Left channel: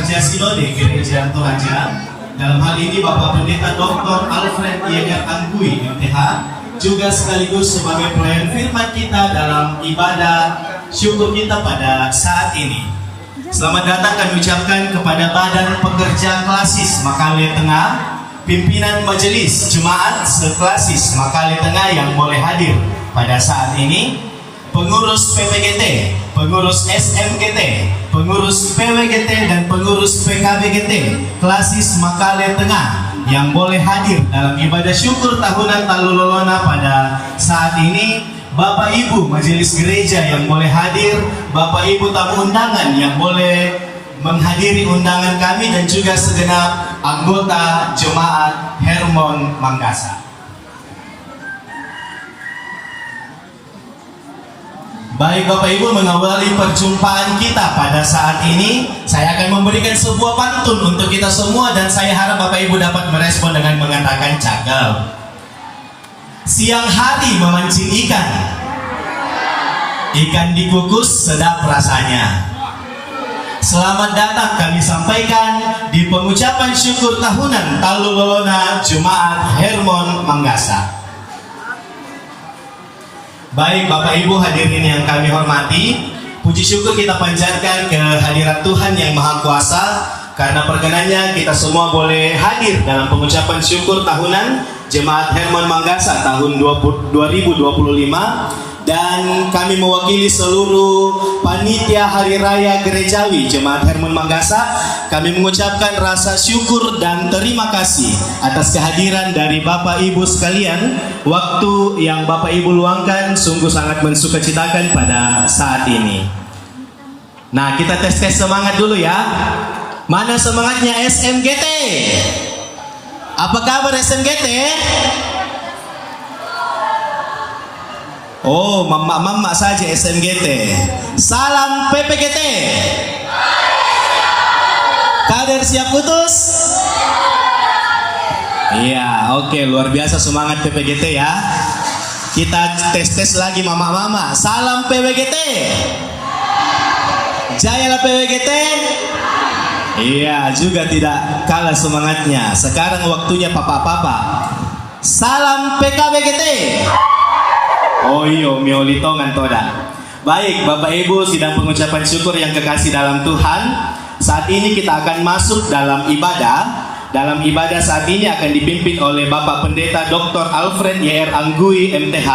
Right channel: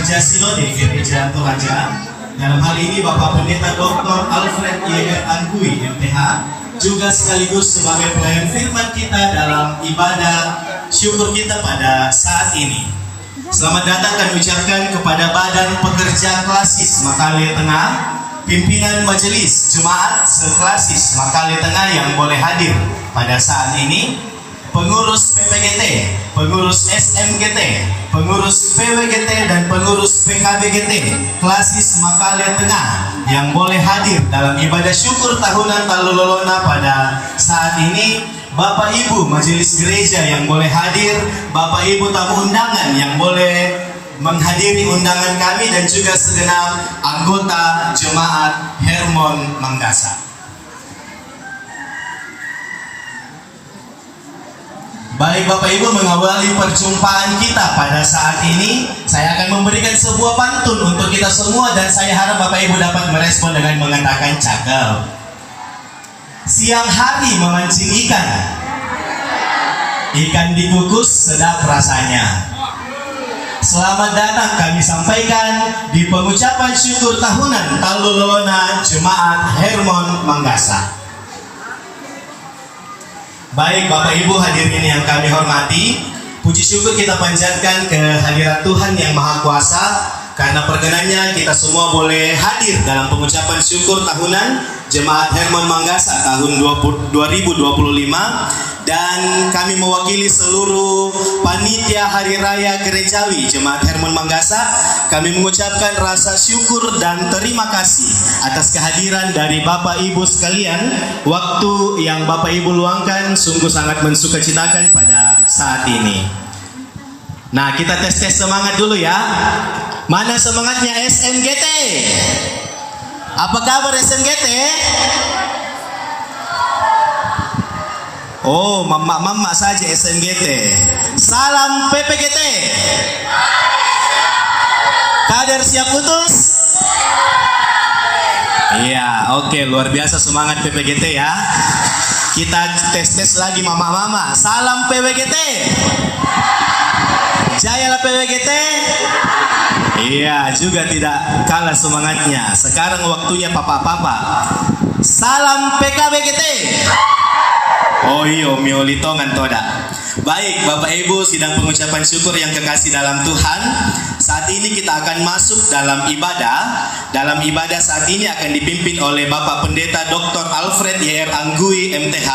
pekerja Sinode Gereja Toraja. Dalam hal ini Bapak Pendeta Dr. Alfred Yeger Angkui MTH juga sekaligus sebagai pelayan firman kita dalam ibadah syukur kita pada saat ini. Selamat datang kami ucapkan kepada Badan Pekerja Klasis Makale Tengah, pimpinan Majelis Jemaat Seklasis Makale Tengah yang boleh hadir pada saat ini, pengurus PPGT, pengurus SMGT, pengurus PWGT dan pengurus PKBGT Klasis Makale Tengah yang boleh hadir dalam ibadah syukur tahunan Talulolona pada saat ini, Bapak Ibu Majelis Gereja yang boleh hadir, Bapak Ibu tamu undangan yang boleh menghadiri undangan kami dan juga segenap anggota Jemaat Hermon Manggasa. Baik Bapak Ibu, mengawali perjumpaan kita pada saat ini, saya akan memberikan sebuah pantun untuk kita semua dan saya harap Bapak Ibu dapat merespon dengan mengatakan cakep. Siang hari memancing ikan, ikan dikukus sedap rasanya. Selamat datang kami sampaikan di pengucapan syukur tahunan Talulolona Jemaat Hermon Manggasa. Baik Bapak Ibu hadirin yang kami hormati, puji syukur kita panjatkan ke hadirat Tuhan yang Maha Kuasa karena perkenannya kita semua boleh hadir dalam pengucapan syukur tahunan Jemaat Hermon Manggasa tahun 2025, dan kami mewakili seluruh panitia Hari Raya Gerejawi Jemaat Hermon Manggasa. Kami mengucapkan rasa syukur dan terima kasih atas kehadiran dari Bapak Ibu sekalian. Waktu yang Bapak Ibu luangkan sungguh sangat mensukacitakan pada saat ini. Nah, kita tes semangat dulu ya. Mana semangatnya SMGT? Apa kabar SMGT? Oh, mama saja SMGT. Salam PPGT. Kader siap putus? Iya, oke, luar biasa semangat PPGT ya. Kita tes lagi mama. Salam PPGT. Jayalah PPGT. Iya, juga tidak kalah semangatnya. Sekarang waktunya papa. Salam PKBGT. Oh iya, miolitongan toda. Baik, Bapak Ibu sidang pengucapan syukur yang kekasih dalam Tuhan, saat ini kita akan masuk dalam ibadah. Dalam ibadah saat ini akan dipimpin oleh Bapak Pendeta Dr. Alfred Yeger Angkui MTH.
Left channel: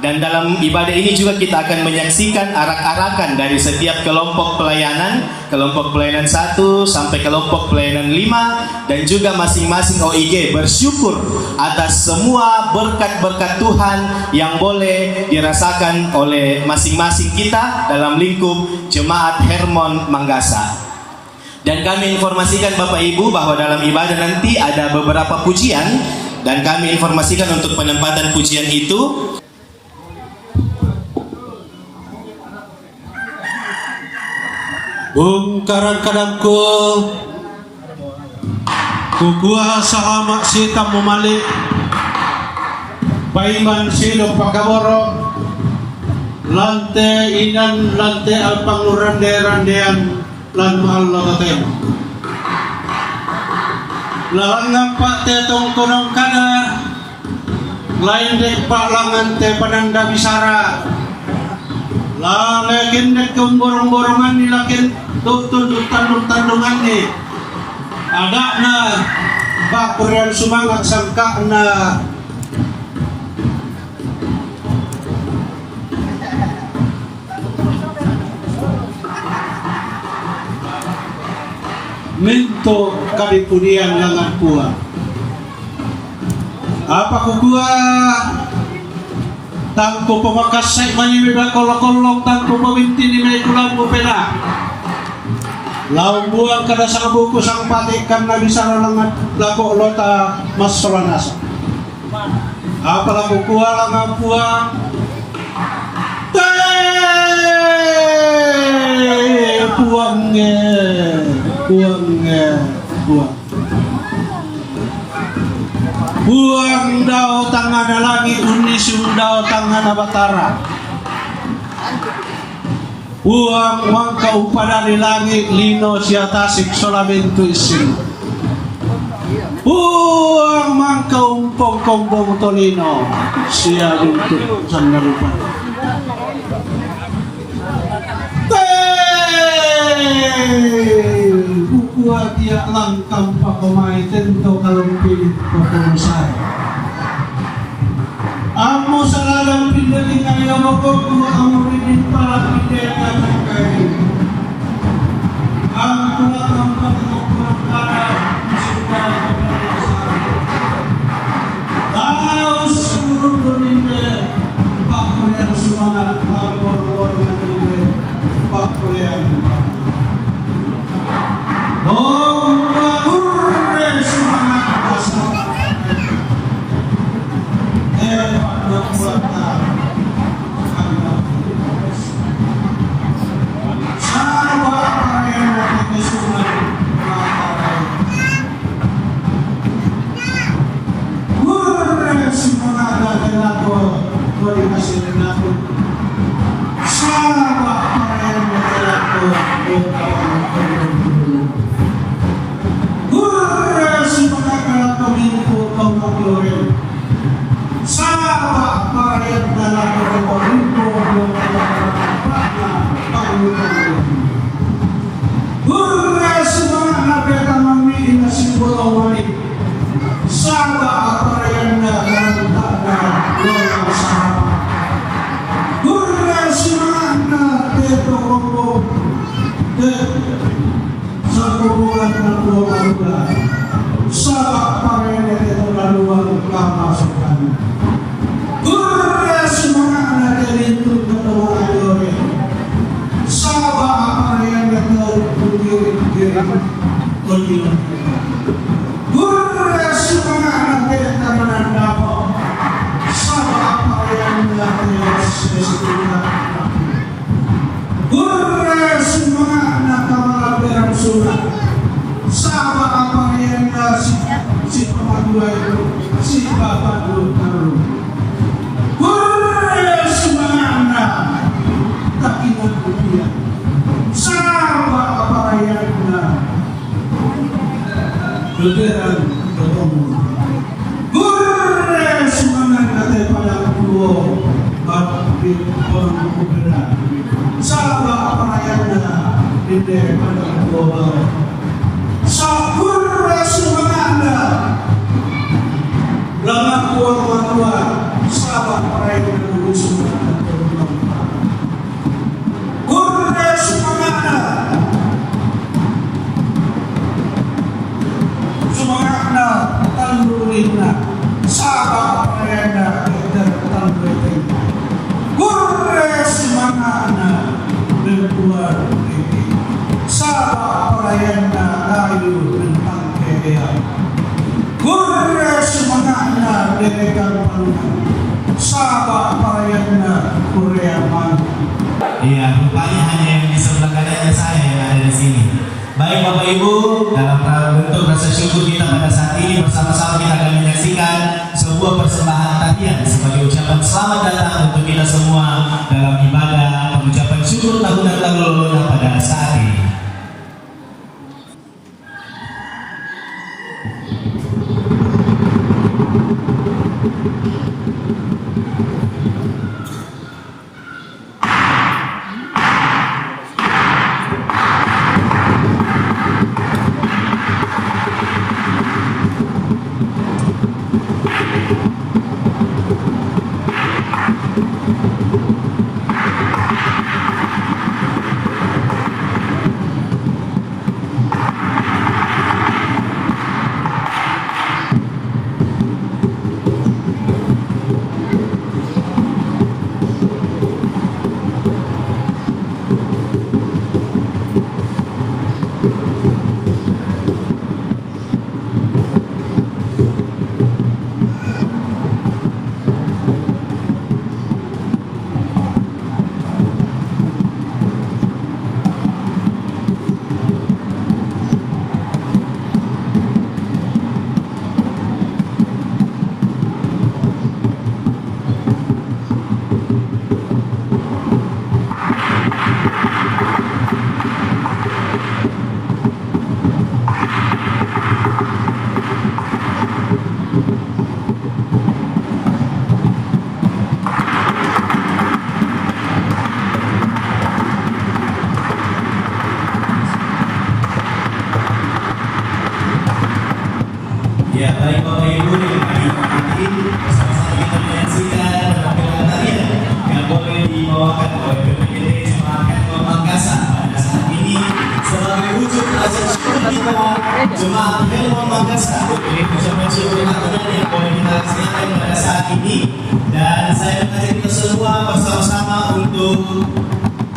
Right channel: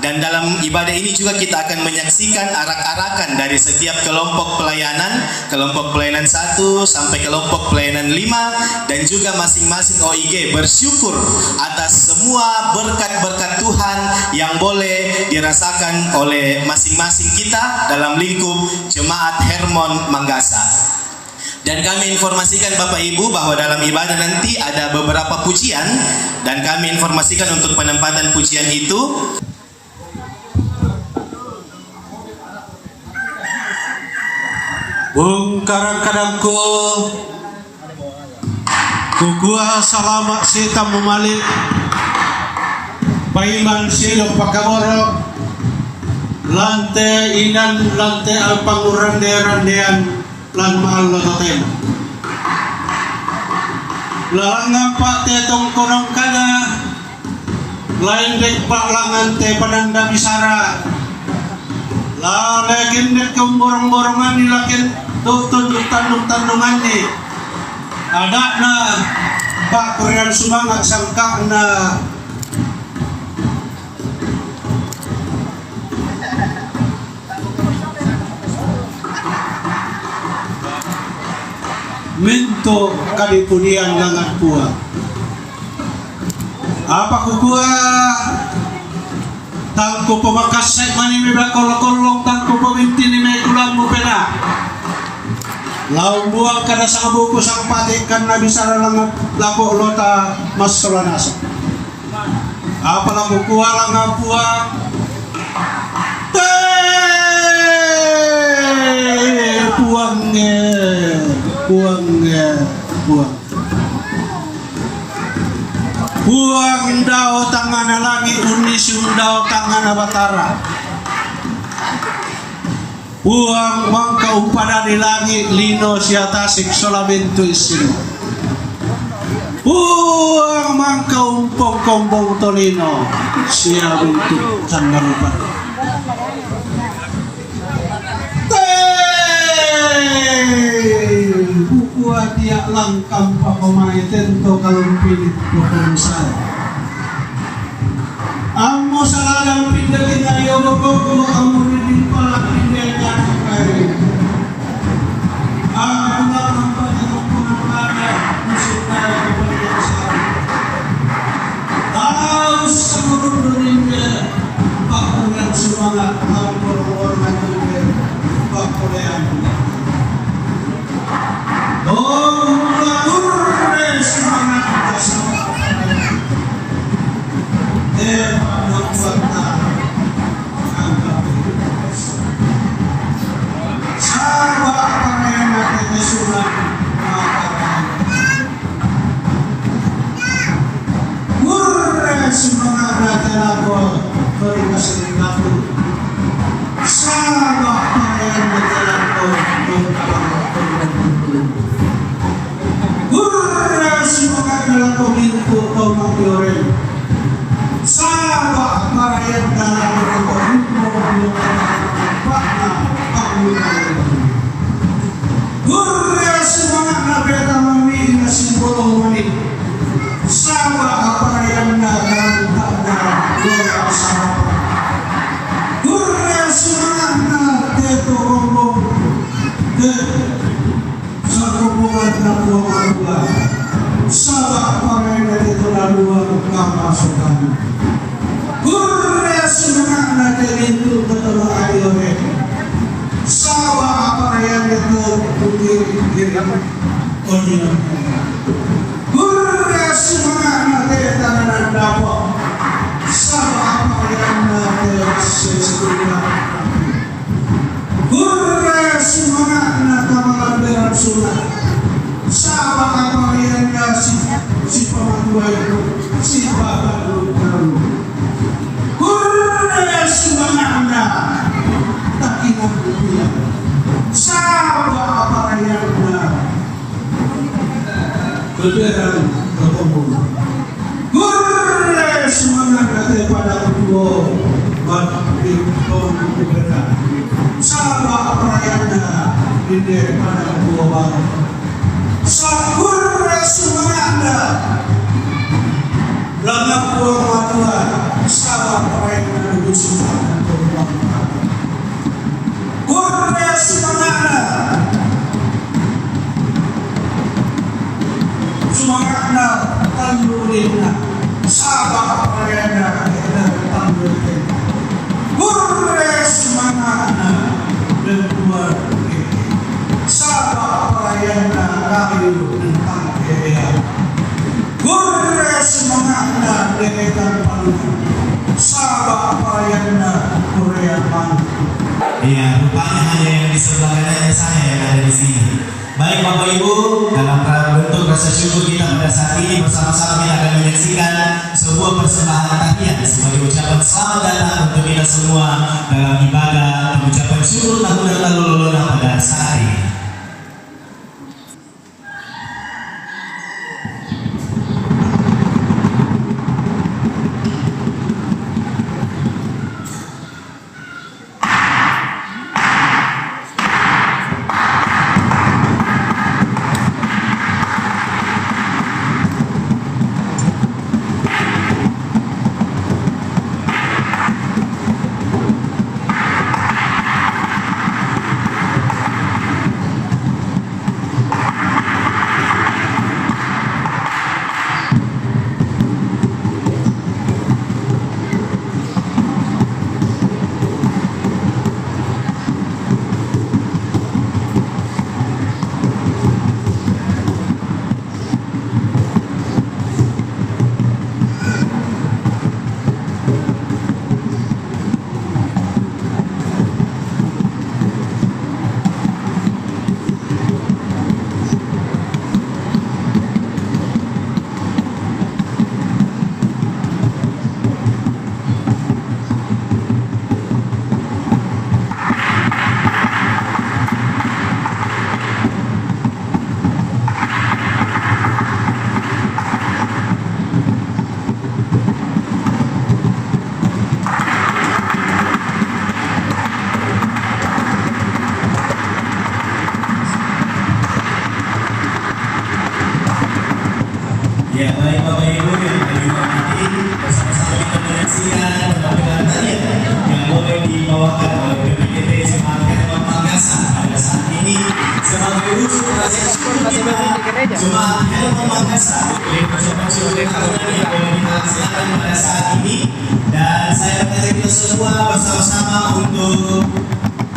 Dan dalam ibadah ini juga kita akan menyaksikan arak-arakan dari setiap kelompok pelayanan 1 sampai kelompok pelayanan 5, dan juga masing-masing OIG bersyukur atas semua berkat-berkat Tuhan yang boleh dirasakan oleh masing-masing kita dalam lingkup Jemaat Hermon Manggasa. Dan kami informasikan Bapak Ibu bahwa dalam ibadah nanti ada beberapa pujian, dan kami informasikan untuk penempatan pujian itu. Bungkaran kadangku kukua salamak sita memalik Paiman silo pakaborok lante inan lante alpangurande-randean lan alloten langang pak tetong kunong kada lain dek pak langan te pananda bisara lalakin dek kemborong-borongan nilakin tunduk-tandungan ni ada na pak kurian sumangat sangka na minto kalipunian langat kuat apa kukua tangko pemakasay manimibla kolong-kolong tangko peminti ni may tulang mo pera laong buang kada sa buko sang patikan na bisara langat lako lota mas solanasa apa lang kukuha lang ang puwang Buang daw tangan na langit, unisyung daw tangan na batara. Uang mangkaupada di langit lino siya tasik solamento isino. Uang mangkaumpong kombong tolino siya untuk tanggalupan. Bukuat tiak langkam pa pemain tento kalong pilit proposal. Amo salagang pindaling ayaw ko amo rin pa pindagan kayo. Ang mga ng pagkakong pangkara musulman ang sa taos siguro rin pakulian sa mga kapor na rin pakulian. Iya, rupanya hanya yang di sebelah kanannya saya yang ada di sini. Baik Bapak Ibu, dalam bentuk rasa syukur kita pada saat ini bersama-sama kita akan menyaksikan sebuah persembahan tahiyat sebagai ucapan selamat datang untuk kita semua dalam ibadah pengucapan syukur tahun yang lalu pada saat ini. Ya, baik Bapak Ibu yang kami hormati, bersama-sama kita menyaksikan penampilan tarian yang boleh dibawakan oleh PPKP Jemaat Hermon Makassar pada saat ini sebagai wujud rasa syukur kita Jemaat Hermon Makassar untuk ucapan syukur yang boleh kita laksanakan pada saat ini. Dan saya mengajak kita semua bersama-sama untuk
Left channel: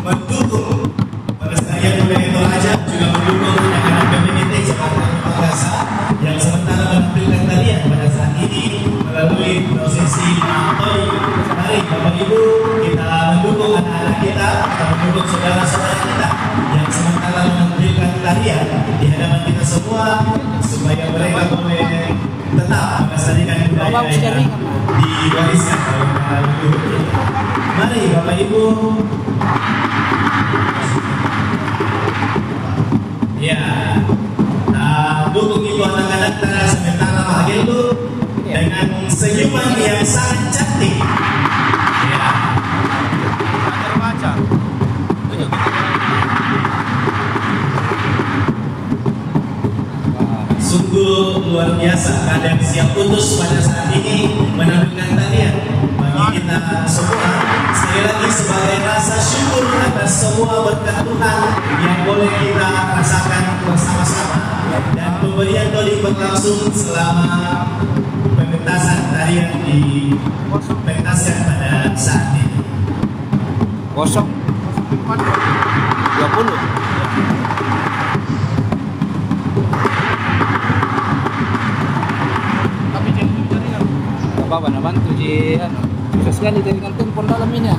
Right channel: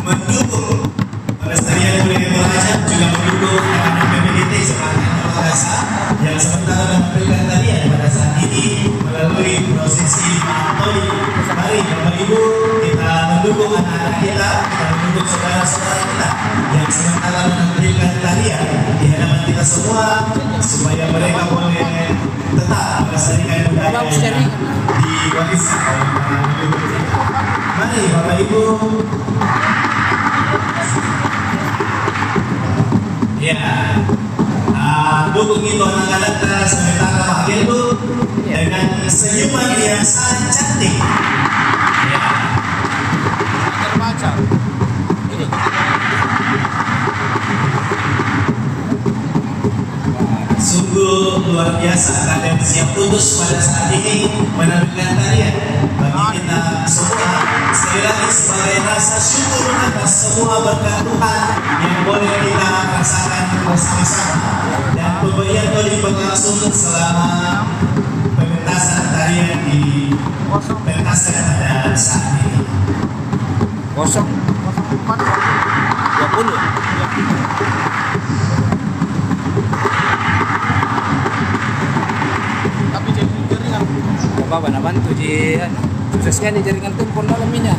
mendukung pelestarian budaya Toraja, juga mendukung anak-anak PPKP Jemaat Hermon Makassar yang sementara menampilkan tarian pada saat ini melalui prosesi Mantoi. Mari Bapak Ibu kita mendukung anak-anak kita mendukung saudara-saudara kita yang sementara menampilkan tarian di hadapan kita semua supaya mereka boleh tetap melestarikan budaya yang diwariskan oleh para leluhur kita. Mari Bapak Ibu. Ya. Dukung itu anak-anak kita sementara bahagia itu dengan senyuman yang sangat cantik. Ya. Terbaca. Sungguh luar biasa keadaan siap putus pada saat ini menampilkan tarian bagi kita semua. Sekali lagi sebagai rasa syukur atas semua berkat Tuhan yang boleh kita rasakan bersama-sama. Dan pemberian itu berlangsung selama pementasan tarian di pementasan pada saat ini. 0 20. Tapi jaringan gak apa-apa na bantu ji ano. Susah sekali jaringan telepon dalam ini.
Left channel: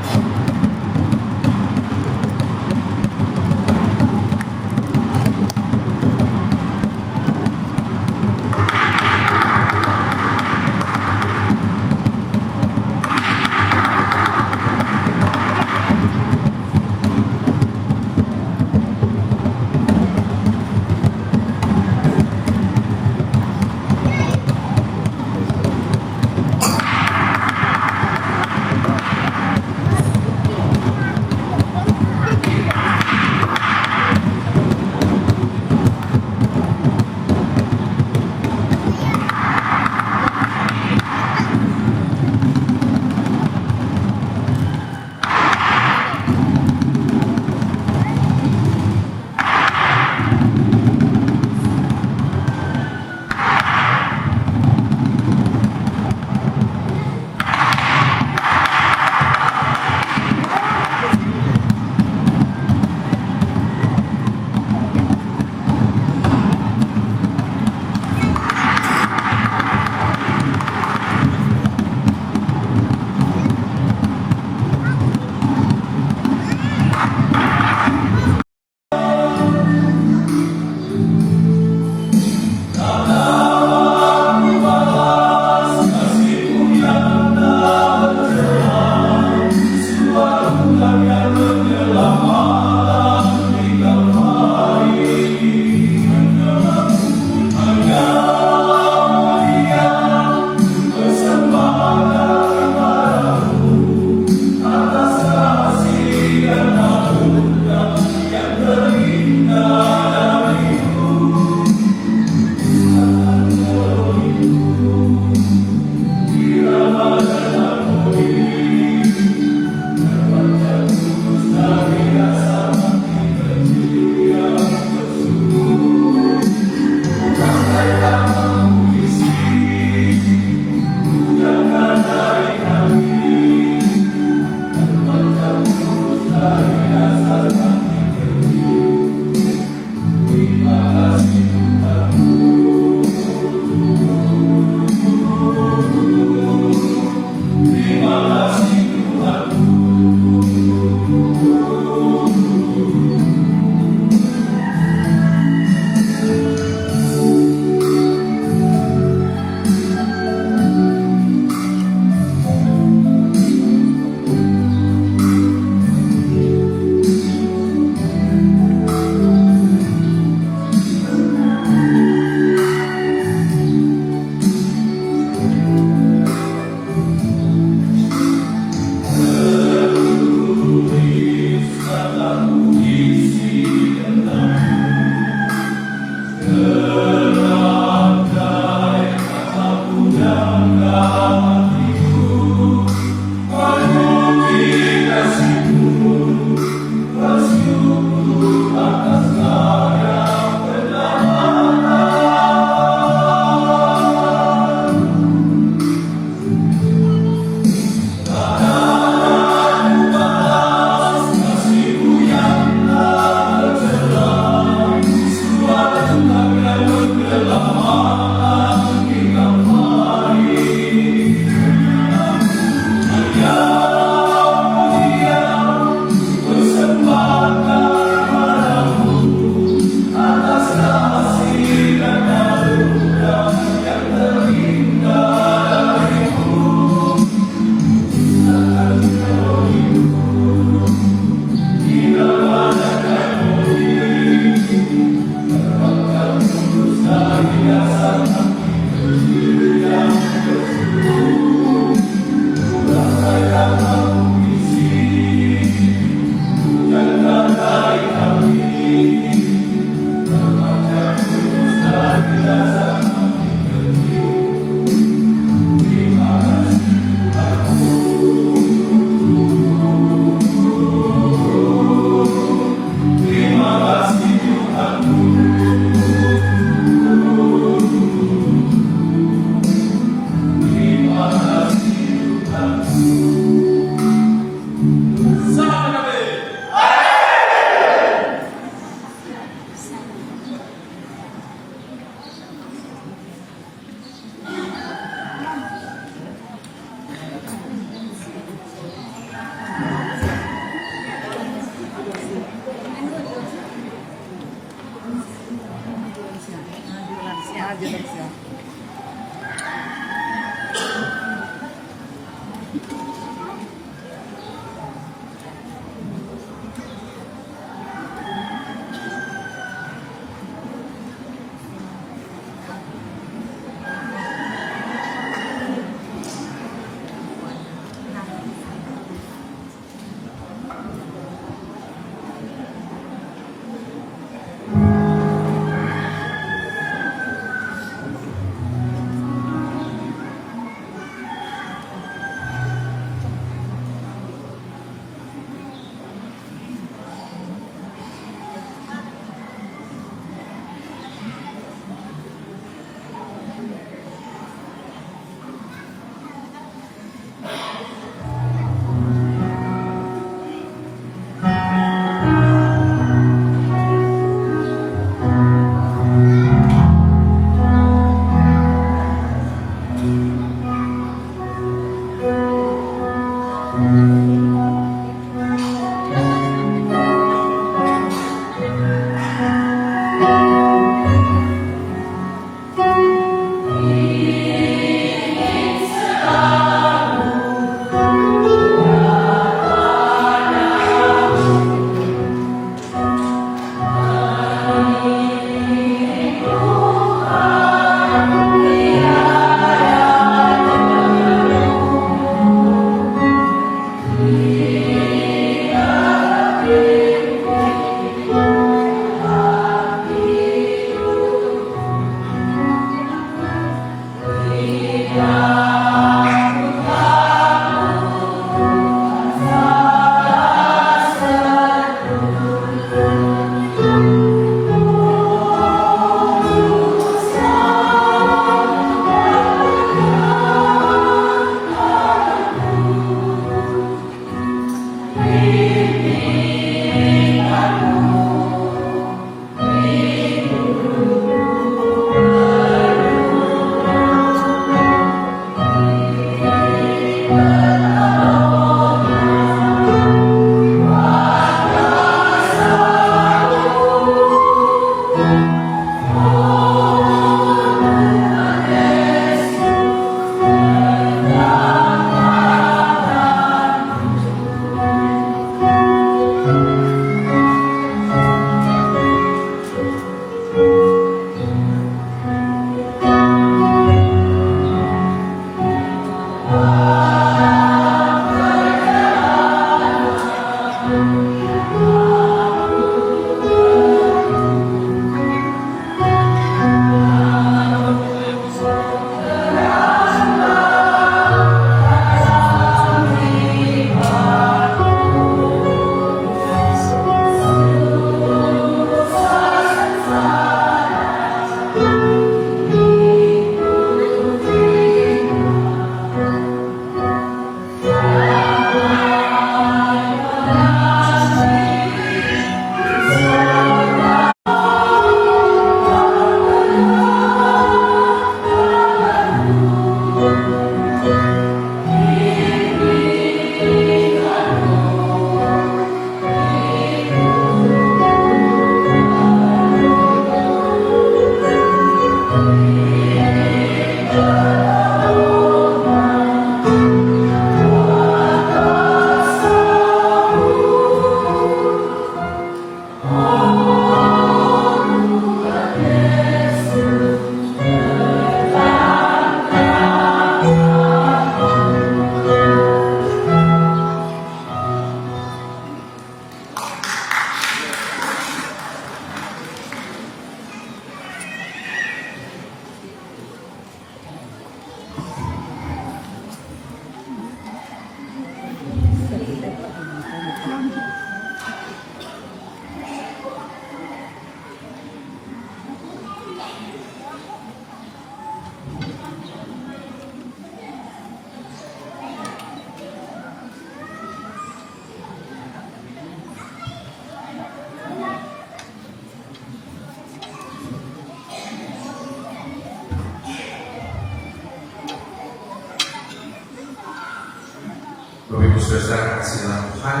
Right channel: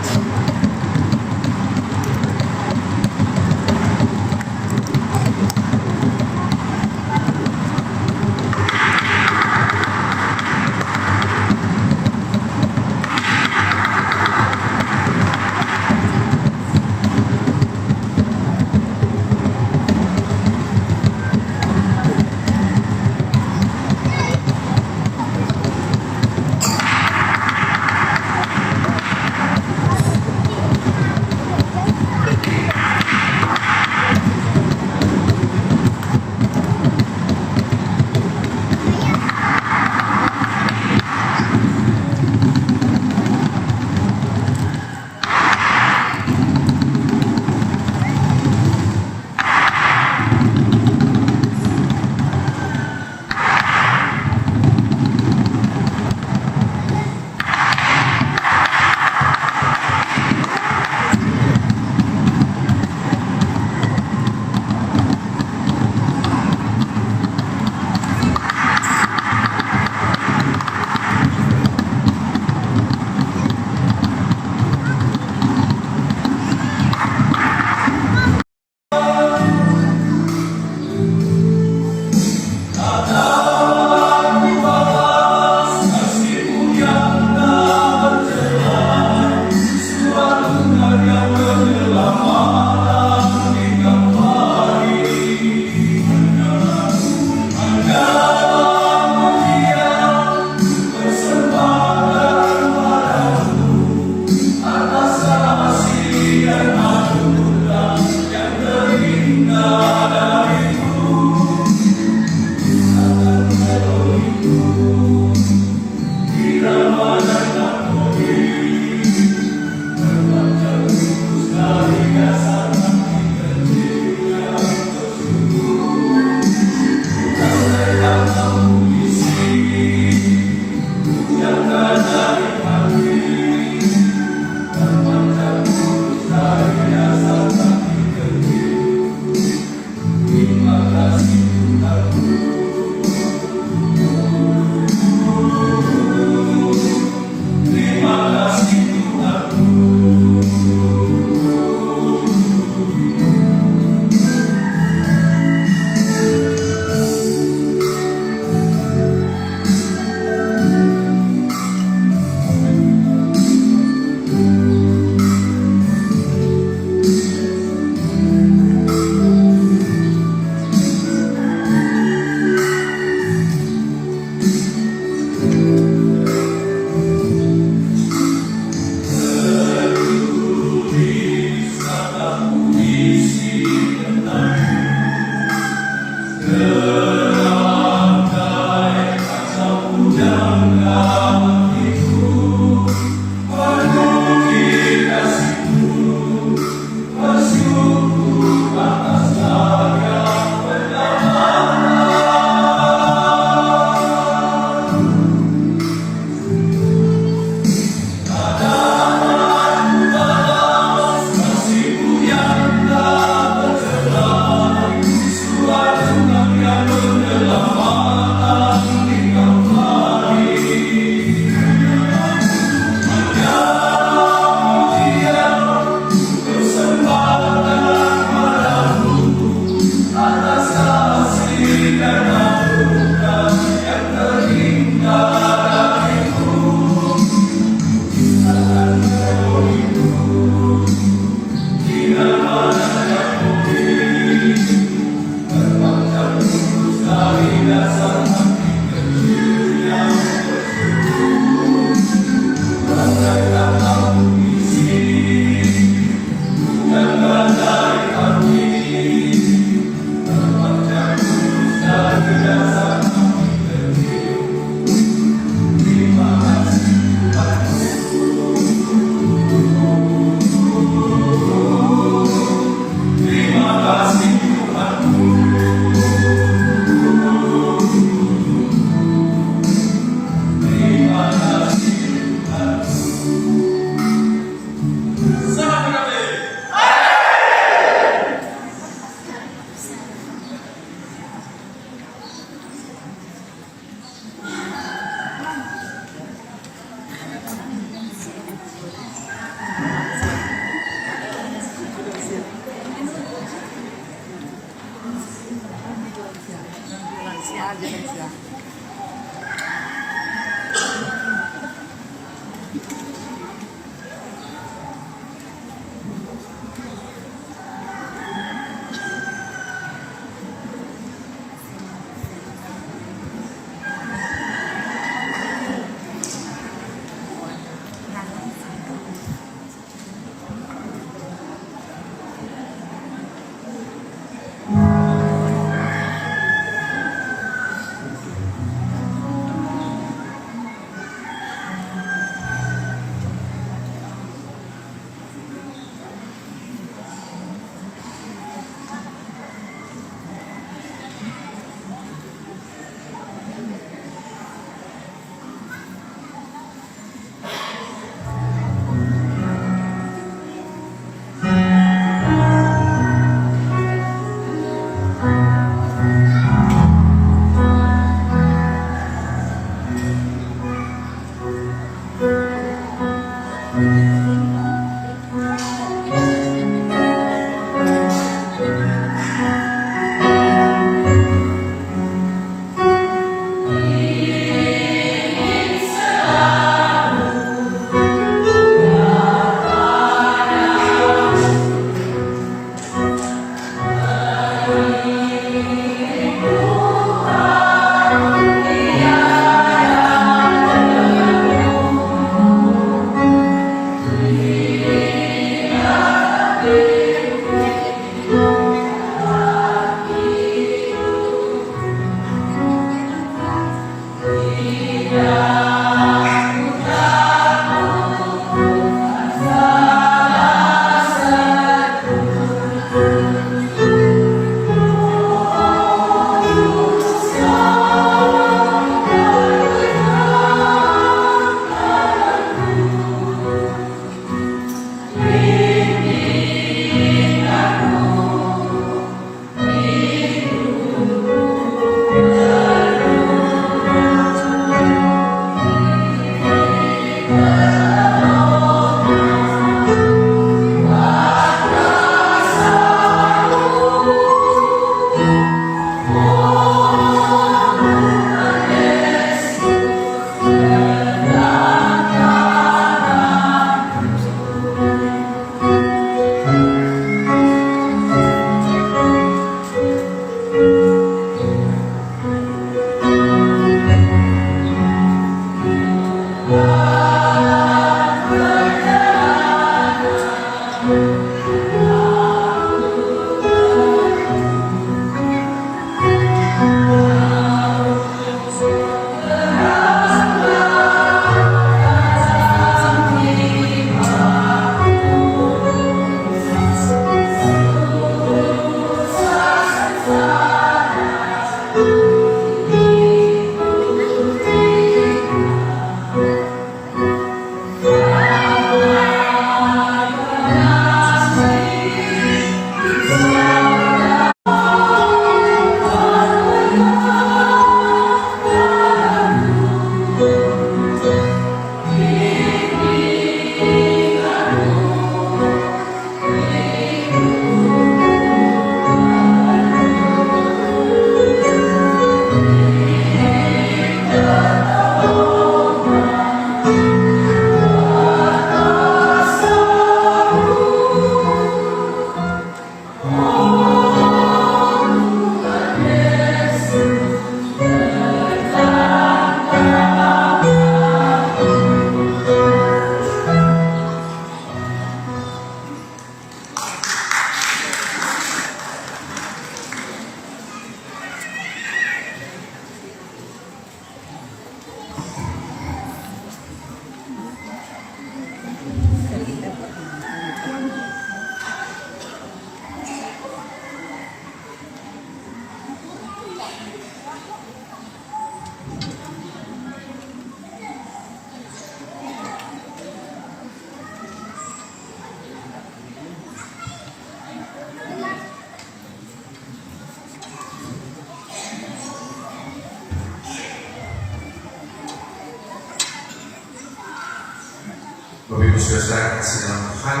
Bapak Ibu Saudara kasih dalam Tuhan,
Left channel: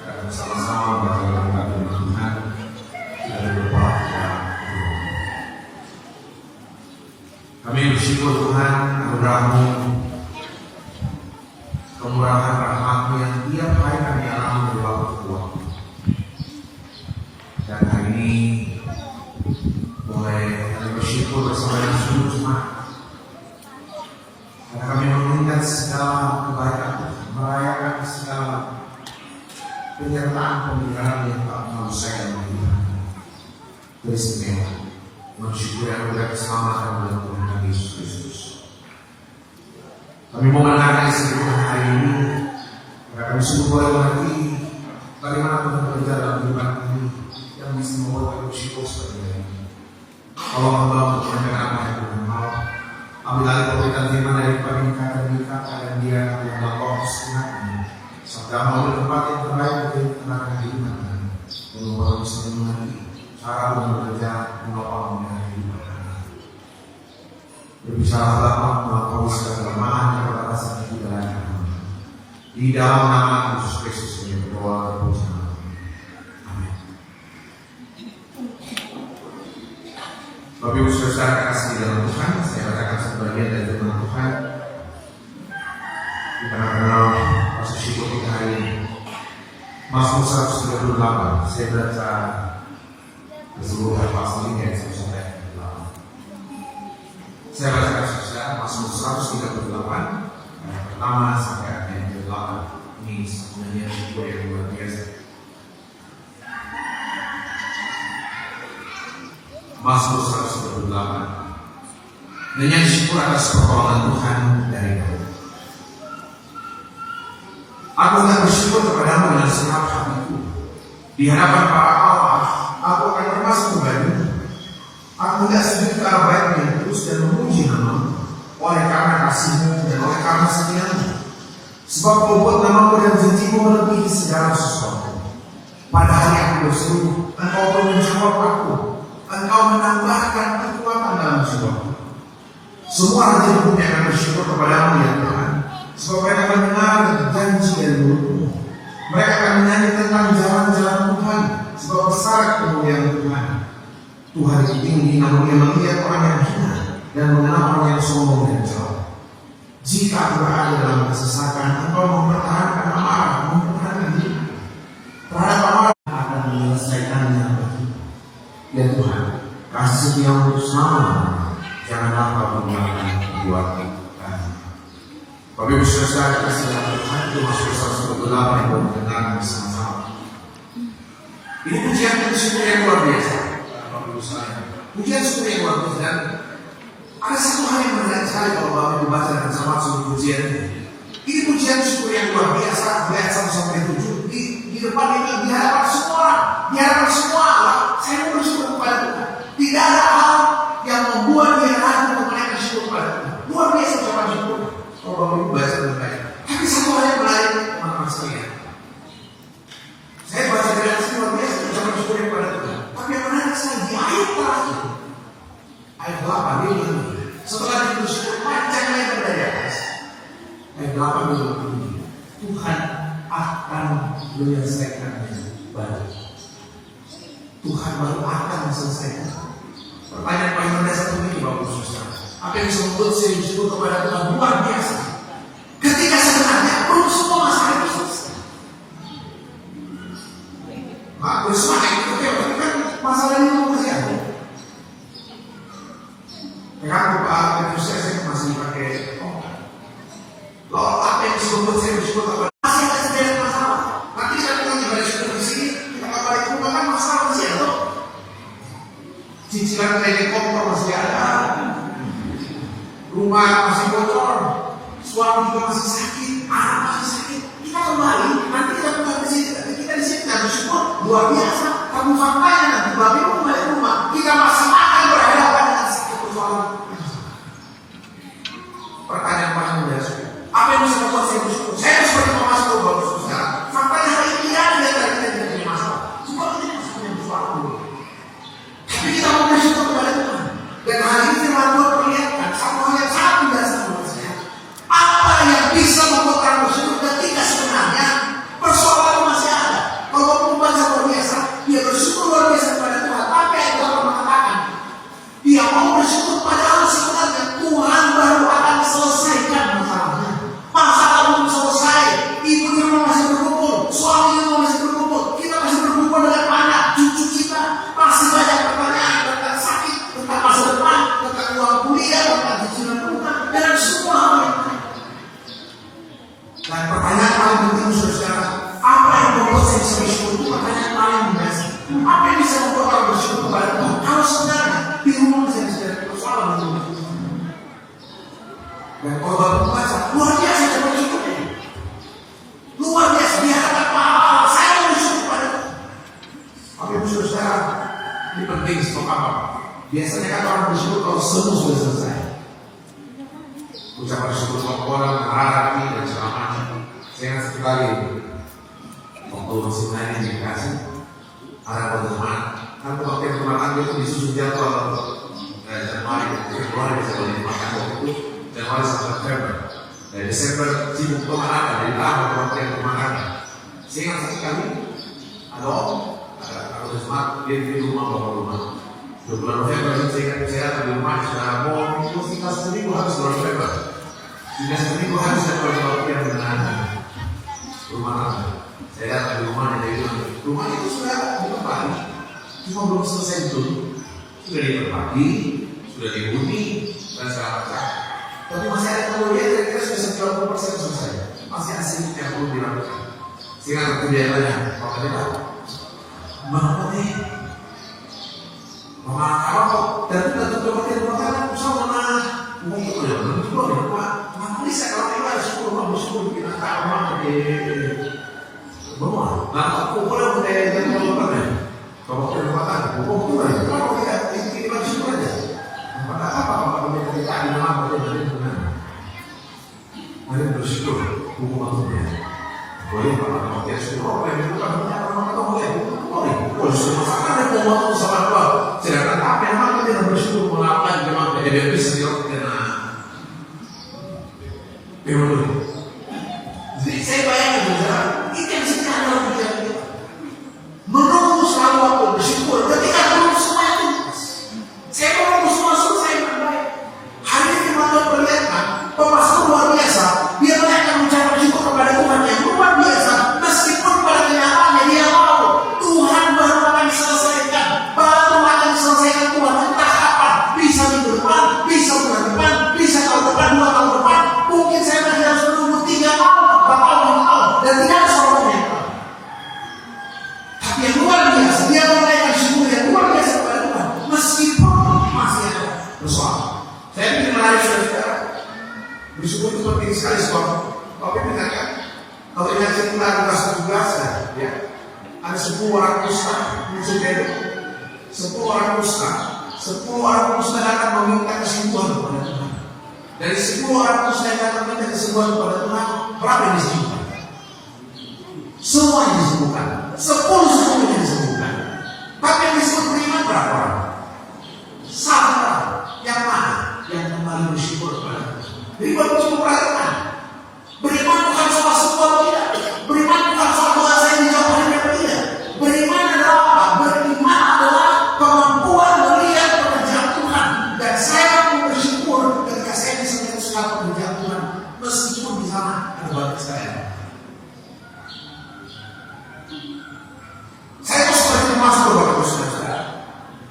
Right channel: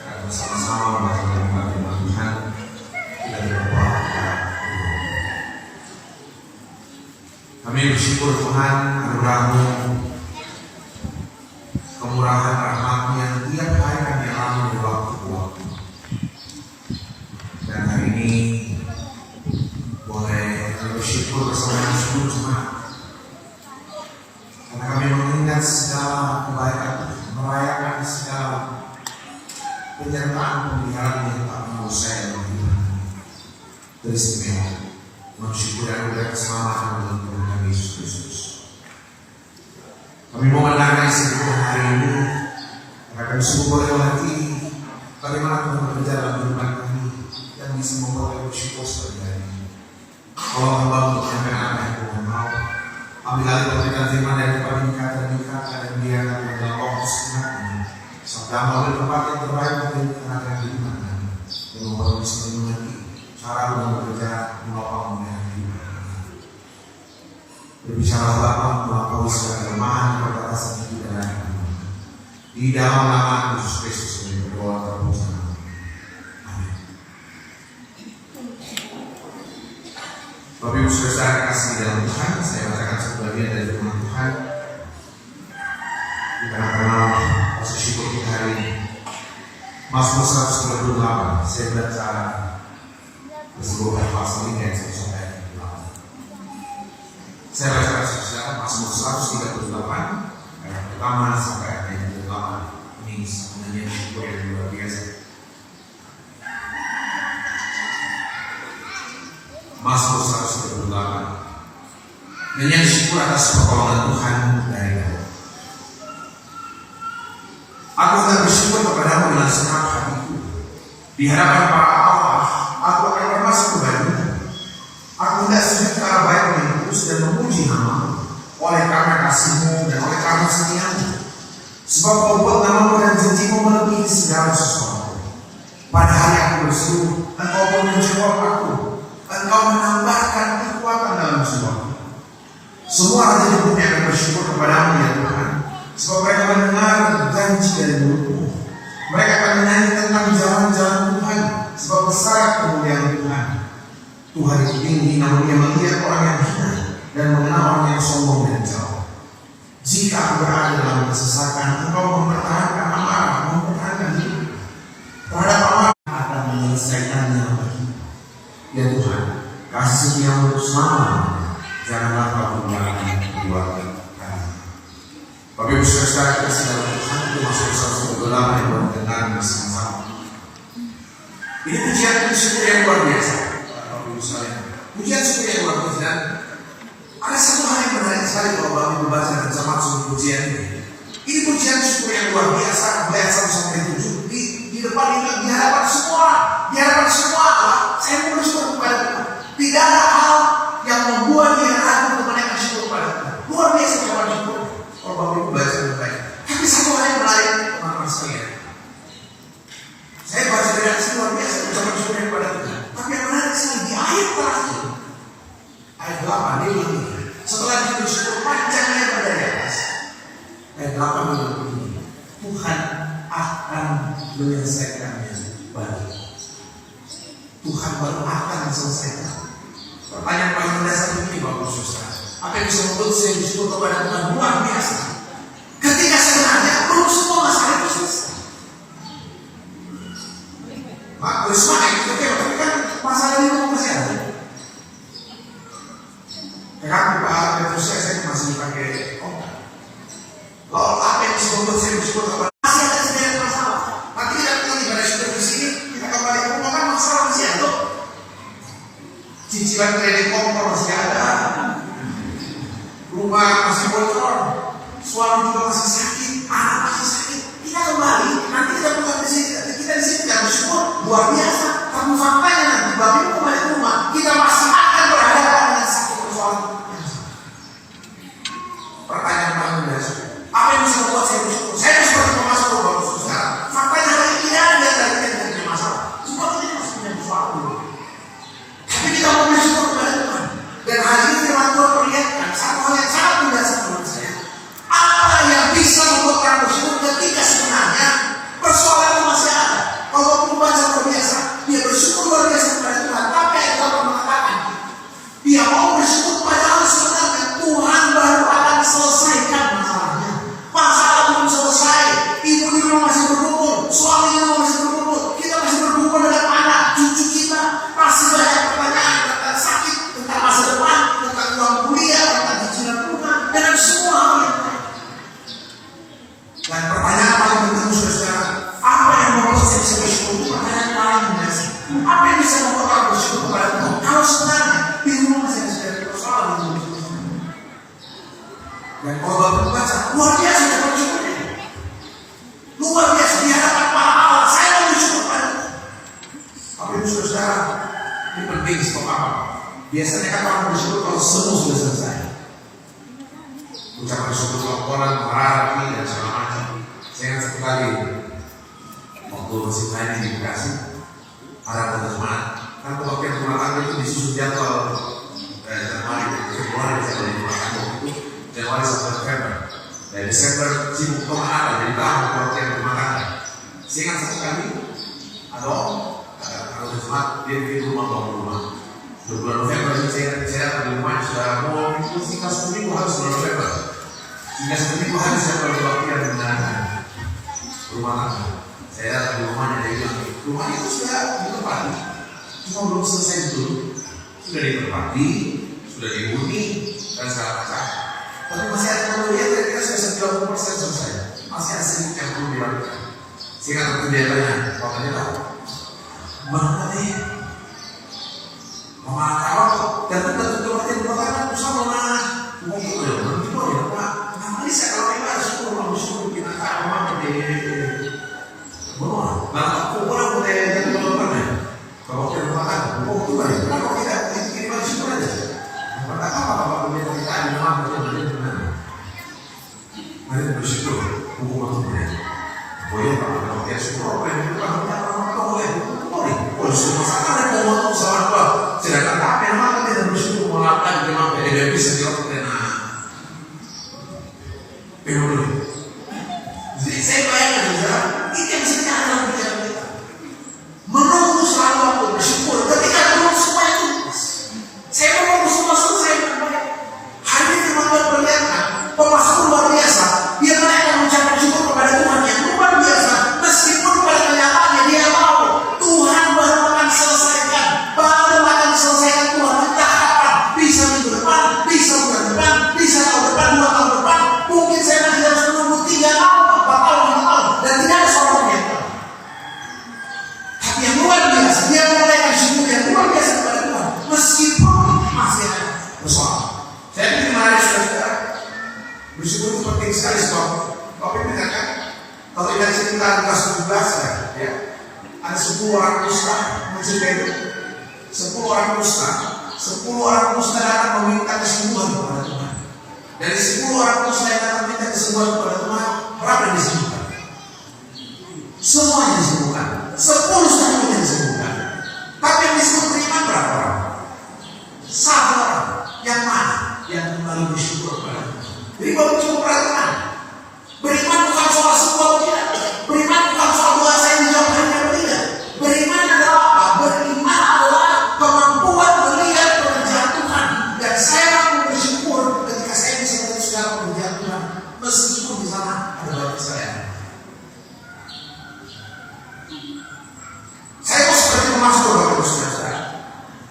dan bersama-sama membaca firman Tuhan kita berdoa kepada Tuhan. Kami bersyukur Tuhan anugerah-Mu, kemurahan rahmat-Mu yang tiap hari kami alami dari waktu ke waktu. Dan hari ini boleh kami bersyukur bersama dengan seluruh jemaat. Karena kami mengingat segala kebaikan, merayakan segala penyertaan pemeliharaan yang tak mau saya lakukan. Teristimewa, bersyukur dan berdoa keselamatan dalam Tuhan Yesus Kristus. Kami mau menerangkan seluruh hari ini, karena kami sungguh boleh mengerti bagaimana Tuhan bekerja dalam kehidupan kami yang bisa membuat kami bersyukur seperti ini. Allah hamba untuk menyampaikan apa yang Tuhan mau. Ambil alih pemberitaan firman dari peningkat dan dia dalam fokus ingatnya. Sabda mengambil tempat yang terbaik untuk anak-anak di mana yang membawa bisa mengerti cara Tuhan bekerja membawa yang hidup. Berbicara Bapa melampaui segala kelemahan keterbatasan kita dalam Di dalam nama Yesus Kristus ini berdoa terpuji. Amin. Bapak Ibu Saudara kasih dalam Tuhan, saya bacakan sebagian dari firman Tuhan. Di tengah-tengah proses syukur kita hari ini, Mazmur 138, saya baca keseluruhan pasal ini yang sampai 8. Saya bacakan saja Mazmur 138 ayat pertama sampai ayat 8. Ini sebenarnya syukur yang luar biasa. Mazmur 138. Nyanyian syukur atas pertolongan Tuhan dari Daud. Aku akan bersyukur kepadamu dengan segenap hatiku. Di hadapan para Allah, aku akan bermasuk kepadamu. Aku tidak sujud ke arah baik yang terus dan memuji namamu oleh karena kasihmu dan oleh karena setiamu. Sebab kau buat namamu dan janjimu melebihi segala sesuatu. Pada hari aku berseru, engkau pun menjawab aku. Engkau menambahkan kekuatan dalam jiwaku. Semua raja di dunia akan bersyukur kepadamu ya Tuhan. Sebab mereka mendengar janji dari mulutmu. Mereka akan menyanyi tentang jalan-jalan Tuhan. Sebab besar kemuliaan Tuhan. Tuhan itu tinggi, namun dia melihat orang yang hina dan mengenal orang yang sombong dan jauh. Jika aku berada dalam kesesakan, engkau mempertahankan amarah, mempertahankan hidup. Terhadap amarah akan menyelesaikannya bagi. Ya Tuhan, kasih setiamu bersama, janganlah kau tinggalkan keluarga kami. Bapak Ibu Saudara kasih dalam Tuhan, itu masuk ke 138 yang baru dengar bersama-sama. Ini pujian syukur yang luar biasa. Bapak Ibu Saudara, pujian syukur yang luar biasa. Ada satu hal yang menarik sekali kalau Bapak Ibu baca dan sama sungguh pujian ini. Ini pujian syukur yang luar biasa, ayat 1-7. Di depan ini di hadapan semua, saya mau bersyukur kepada Tuhan. Tidak ada hal yang membuat dia ragu untuk menaikkan syukur kepada Tuhan. Luar biasa ucapan syukur. Kalau Bapak Ibu baca dengan baik. Tapi satu hal yang menarik, teman-teman sekalian. Saya baca dengan luar biasa ucapan syukur kepada Tuhan. Tapi yang menarik sekali di ayat terakhir, ayat 8 dia bilang, setelah dia bersyukur panjang ayat pada atas. Ayat 8 dia bilang, Tuhan akan menyelesaikannya baru. Tuhan baru akan selesaikan. Pertanyaan paling mendasar ini Bapak Ibu Saudara. Apa yang bisa membuat saya bersyukur kepada Tuhan luar biasa? Ketika sebenarnya belum semua masalah itu selesai. Mak bersemangat itu tapi kan masalah itu masih ada. Karena Pak Petrus saya masih pakai lalu apa yang bisa membuat saya bersyukur kepada masih ada sedikit masalah. Nanti kita kembali pada syukur di sini, kita kembali ke rumah kan masalah masih ada. Cicilan telekom masih ada, rumah masih bocor, suami juga masih sakit, anak masih sakit. Kita kembali, nanti kita kembali di sini, kita di sini tidak bersyukur luar biasa. Tapi faktanya nanti bapak ibu kembali ke rumah, kita masih akan berhadapan dengan satu persoalan. Pertanyaan paling mendasar, apa yang bisa membuat saya bersyukur? Saya sebagai pemasok baru saudara. Faktanya hari ini tidak ada dari kita tidak punya masalah. Cuma kita masih punya persoalan. Tapi kita mau bersyukur kepada Tuhan. Dan hari ini firman Tuhan perlihatkan satu hal yang sangat mendasar menurut saya. Apa yang bisa membuat orang bersyukur ketika sebenarnya persoalan itu masih ada. Kalau pembaca luar biasa, dia bersyukur luar biasa kepada Tuhan. Apa yang Tuhan mengatakan? Dia mau bersyukur kepada Allah sebenarnya Tuhan baru akan selesaikan masalahnya. Masalah belum selesai. Ibu di rumah masih berkumpul, suami di rumah masih berkumpul, kita masih berkumpul dengan anak, cucu kita masih banyak pertanyaan tentang sakit, tentang masa depan, tentang uang kuliah, tentang cicilan rumah, dan semua hal yang lain. Dan pertanyaan paling penting saudara, apa yang membuat saya bisa bersyukur? Itu pertanyaan paling mendasar. Apa yang bisa membuat orang bersyukur kepada Tuhan? Kalau sebenarnya di rumah masih ada persoalan untuk bersyukur. Dan kalau bapak membaca, luar biasa saya bersyukur. Luar biasa di hadapan para Allah, saya bersyukur pada Tuhan. Tapi saudara, ini penting sebab apa? Biasanya kan orang bersyukur kalau semua sudah selesai. Ucapan syukur orang marah dan segala macam. Saya ingat satu kali waktu masih main di Bekasi, ada teman, kan waktu teman itu disusun jadwal Januari, Februari, Januari sampai Februari. Dari Desember sibuk pemakaran, dari tahun pengertian pemakaran. Saya ingat satu kali, ada orang, kalau Jumat dia di rumah bawa rumah. Bulan November saya di rumah saudara mau itu tinggal 1 minggu harus bulan November. Tinggal 1 minggu harus saya pengertian dengan rumah tangga. Saya datang di rumah dan jadi rumah itu sudah ditempati, cuma belum selesai dulu. Sudah ditempati, sudah dihuni dan segala macam. Tapi masih ada kemudian kira-kira sudah 90% selesai. Masih asli yang perlu dilakukan. Sehingga kemudiannya, kalau ternyata mana nih? Mama kalau dan tentu mati mengatakan sama mana? Mungkin udah juga ya Pak. Kenapa sih kalau ini harus suruh kita tahu bahwa nah aku orang udah lupa nih. Kalau kita makan, bukan juga ya. Kalau kita ini masih syukur aja. Apa kita di rumah mari bersyukur hukumannya. Boleh kalau dia syukur, boleh boleh. Oh, semua sekarang ada waktu salah dua. Sedangkan apa yang mana dia bersyukur melakukan jemaah tidak bisa dilakukan. Betul. Jadi saya bayangkan saudara, itu yang sekarang dalam pikiran kita. Menunggu selalu waktu bersyukur. Ketika belum semua itu, saya menunggu semua selesai dengan baik. Hari ini Tuhan memperlihatkan pemasukan luar biasa. Dia akan mengucapkan syukur kepada Tuhan yang luar biasa. Meskipun pada kenyataannya dia tahu Tuhan baru akan selesaikan. Baru akan selesaikan Tuhan. Entah kapan. Bisa minggu depan, bisa bulan depan, bisa tahun depan, 2 tahun depan. Mungkin saya masih harus menunggu 3 tahun, 4 tahun, 5 tahun. Dan tidak ada salahnya. Tapi yang luar biasa, dia menaikkan syukur yang luar biasa kepada Tuhan. Meskipun masih ada persoalan. Saya ingin menarik saudara. Bersyukur itu penting sekali sebab Bapak mengatakan kalau kita cerita Lukas 17 ya, ada 10 orang kusta muncul dari 10 orang kusta, 10 orang kusta akan meminta kesembuhan kepada Tuhan. Dari 10 orang kusta yang akan meminta kesembuhan kepada Tuhan, berapa yang disembuhkan? Semua yang disembuhkan, 10 semuanya disembuhkan. Tapi yang disebut beriman berapa orang? 1 orang. Yang mana? Yang kembali bersyukur kepada Tuhan. Jadi baru cukup perhatikan. Beriman bukan soal semua tidak. Beriman bukan soal doa saya dijawab atau tidak. Beriman adalah apa? Beriman adalah kemampuan melihat pekerjaan Tuhan. Dan saya mau bersyukur ketika saya bisa melihat segala pekerjaan Tuhan. Meskipun di sana ada banyak saya. Saya mau seperti pemasmur Bapak Saudara.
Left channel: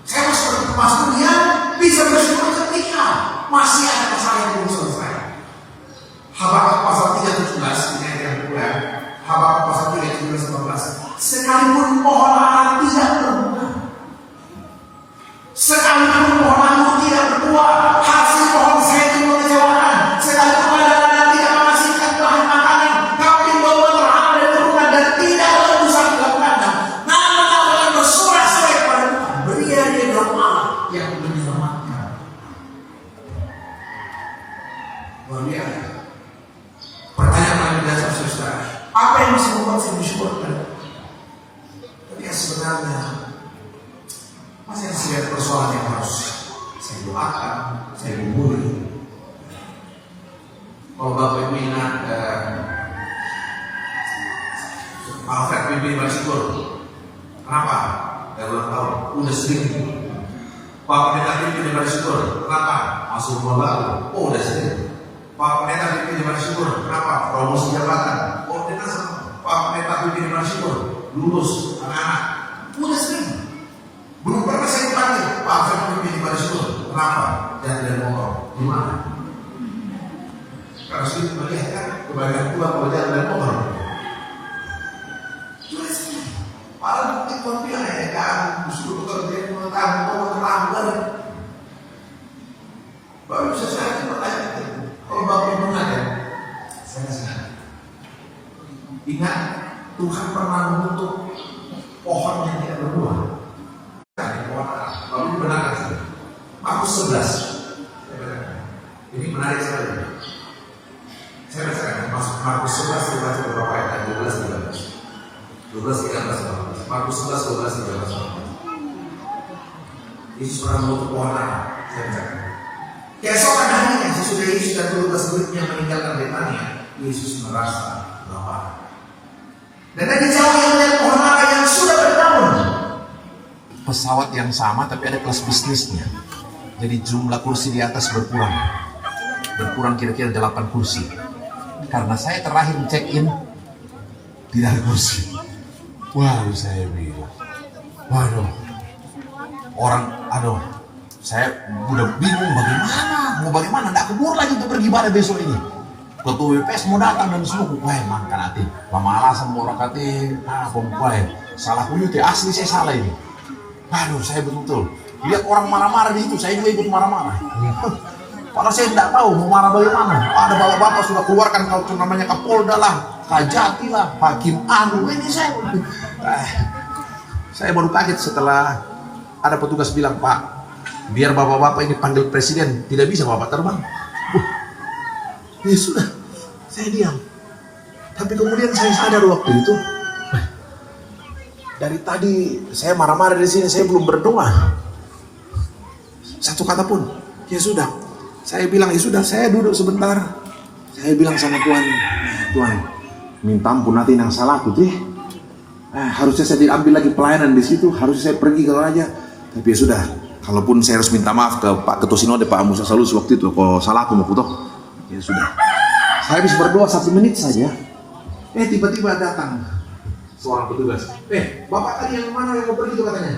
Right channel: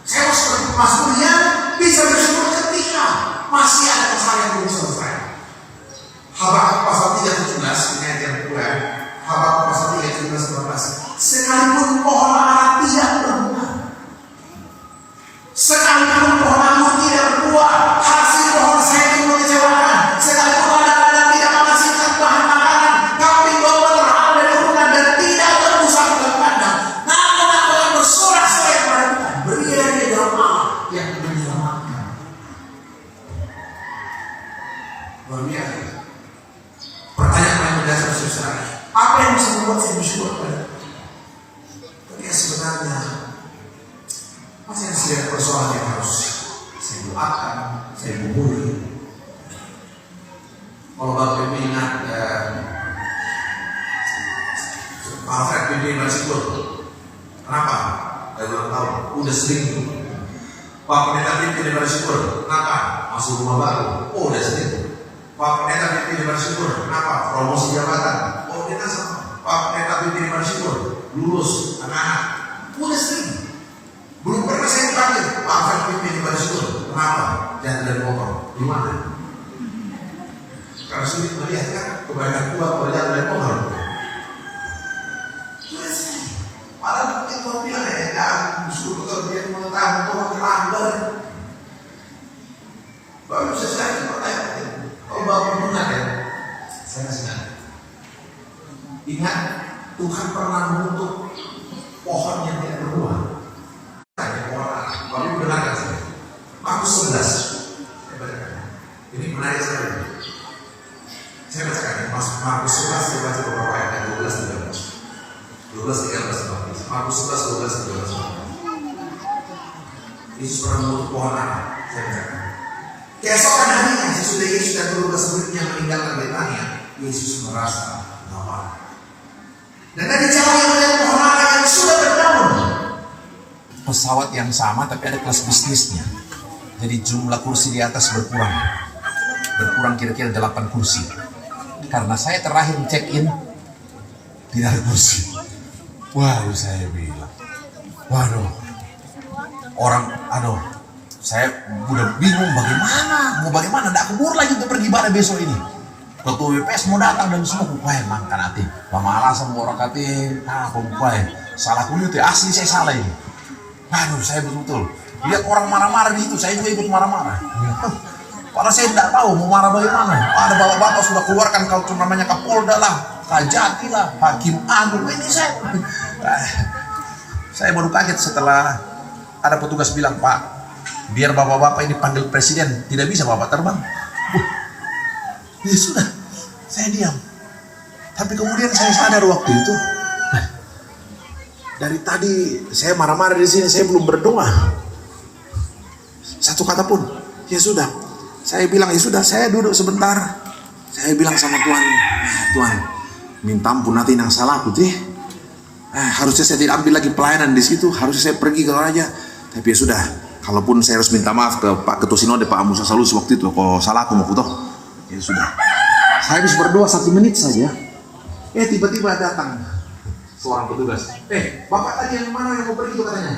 Saya mau seperti pemasmur yang bisa bersyukur ketika masih ada masalah yang belum selesai. Habakuk pasal 3:17 ini ayat yang kedua. Habakuk pasal 3:17-19. Sekalipun pohon ara tidak berbuah, sekalipun pohon anggur tidak berbuah, hasil pohon saya itu mengecewakan. Sekalipun ladang-ladang tidak menghasilkan bahan makanan, kambing domba terhalang dari turunan dan tidak berbusa dalam kandang, namun aku akan bersorak-sorai kepada Tuhan. Beria dia dalam Allah yang menyelamatkan. Luar biasa. Pertanyaan yang mendasar saudara, apa yang bisa membuat saya bersyukur kepada Tuhan? Ketika sebenarnya masih ada sebuah persoalan yang harus saya doakan, saya hubungi. Kalau Bapak Ibu ingat Alfred pimpin bersyukur. Kenapa? Dari ulang tahun, udah sering. Pak Pendeta pimpin bersyukur. Kenapa? Masuk rumah baru. Oh, udah sering. Pak Pendeta pimpin bersyukur. Kenapa? Promosi jabatan. Oh, kita sama. Pak Pendeta pimpin bersyukur. Lulus anak-anak. Udah sering. Belum pernah saya panggil Pak Alfred pimpin bersyukur. Kenapa? Jangan dari motor. Di mana? Karena sulit melihat kan kebaikan Tuhan kalau jangan dari motor. Sulit sekali. Padahal bukti Tuhan bilang ya kan. Disuruh kalau dia mau terlambat. Baru bisa saya pertanyaan. Kalau Bapak ingat ya, saya senang. Ingat Tuhan pernah mengutuk pohon yang tidak berbuah. Lalu benar kan? Markus 11. Saya bacakan. Ini menarik sekali. Saya bacakan. Markus 11 saya baca beberapa ayat 12, 13. 12, 13, 14. Markus 11, 12, 13. Yesus pernah mengutuk pohon apa? Saya bacakan. Keesokan harinya sesudah Yesus dan 12 muridnya meninggalkan Betania, Yesus merasa lapar. Dan dari jauh yang melihat pohon ara yang sudah berdaun. Pesawat yang sama tapi ada kelas bisnisnya. Jadi jumlah kursi di atas berkurang. Berkurang kira-kira 8 kursi. Karena saya terakhir check-in tidak ada kursi. Waduh, saya bilang, waduh, saya udah bingung bagaimana, nggak kebur lagi untuk pergi ibadah besok ini. Ketua WPS mau datang dan semua, wah makan hati, lama alasan mau orang kati, salah kulit asli saya salah ini. Waduh, saya betul-betul lihat orang marah-marah di situ, saya juga ikut marah-marah. Karena saya tidak tahu mau marah bagaimana. Ada bapak-bapak sudah keluarkan kalau namanya Kapolda lah, Kajati lah, Hakim Agung. Ini saya baru kaget setelah ada petugas bilang, Pak, biar bapak-bapak ini panggil presiden, tidak bisa bapak terbang. Ya sudah, saya diam. Tapi kemudian saya sadar waktu itu, dari tadi saya marah-marah di sini, saya belum berdoa. Satu kata pun. Ya sudah, saya bilang ya sudah, saya duduk sebentar. Saya bilang sama Tuhan, Tuhan, minta ampun nanti yang salah aku deh. Harusnya saya tidak ambil lagi pelayanan di situ, harusnya saya pergi ke raja. Tapi ya sudah, kalaupun saya harus minta maaf ke Pak Ketua Sinode, Pak Musa Salus waktu itu, kalau salah aku mau foto. Ya sudah, saya habis berdoa 1 menit saja. Tiba-tiba datang seorang petugas. Bapak tadi yang mana yang mau pergi itu katanya?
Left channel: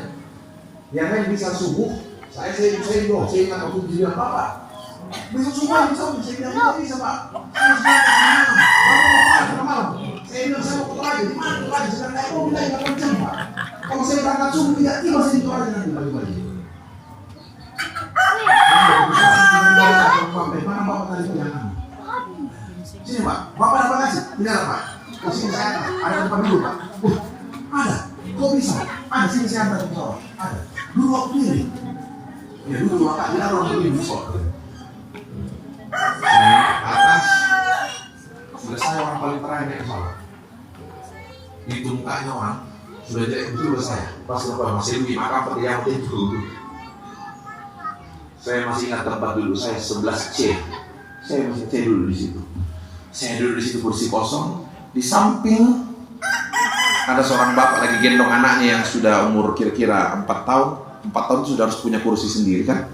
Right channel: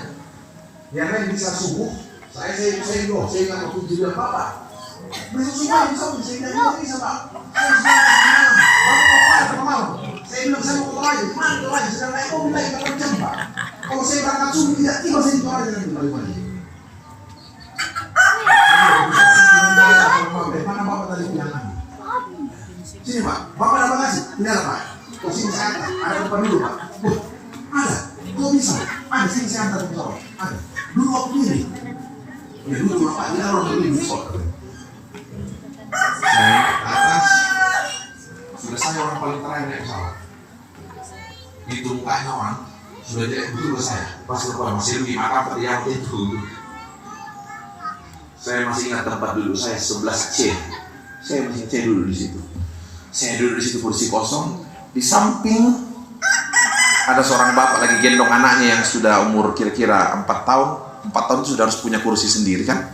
Yang lain bisa subuh. Saya ingat waktu dia Bapak. Besok subuh bisa, saya tidak bisa Pak. Saya bilang saya mau ke lagi, mana ke lagi? Sedang naik mobil lagi 8 jam Pak. Kalau saya berangkat subuh tidak tiba saya di Toraja nanti pagi-pagi. Mana Bapak tadi bilang? Sini Pak, Bapak ada bagasi? Tidak ada Pak. Ke sini saya ada depan dulu Pak. Ada, kok bisa? Ada, sini saya antar ke bawah. Ada, dulu waktu ini. Ya dulu Bapak, dia orang ini besok. Saya ke atas, sudah saya orang paling terakhir naik pesawat. Itu mukanya orang, sudah jadi betul saya. Pas lepas masih lebih makan pada yang itu. Saya masih ingat tempat duduk saya 11C. Saya masih C dulu di situ. Saya duduk di situ kursi kosong. Di samping ada seorang bapak lagi gendong anaknya yang sudah umur kira-kira 4 tahun. 4 tahun sudah harus punya kursi sendiri kan.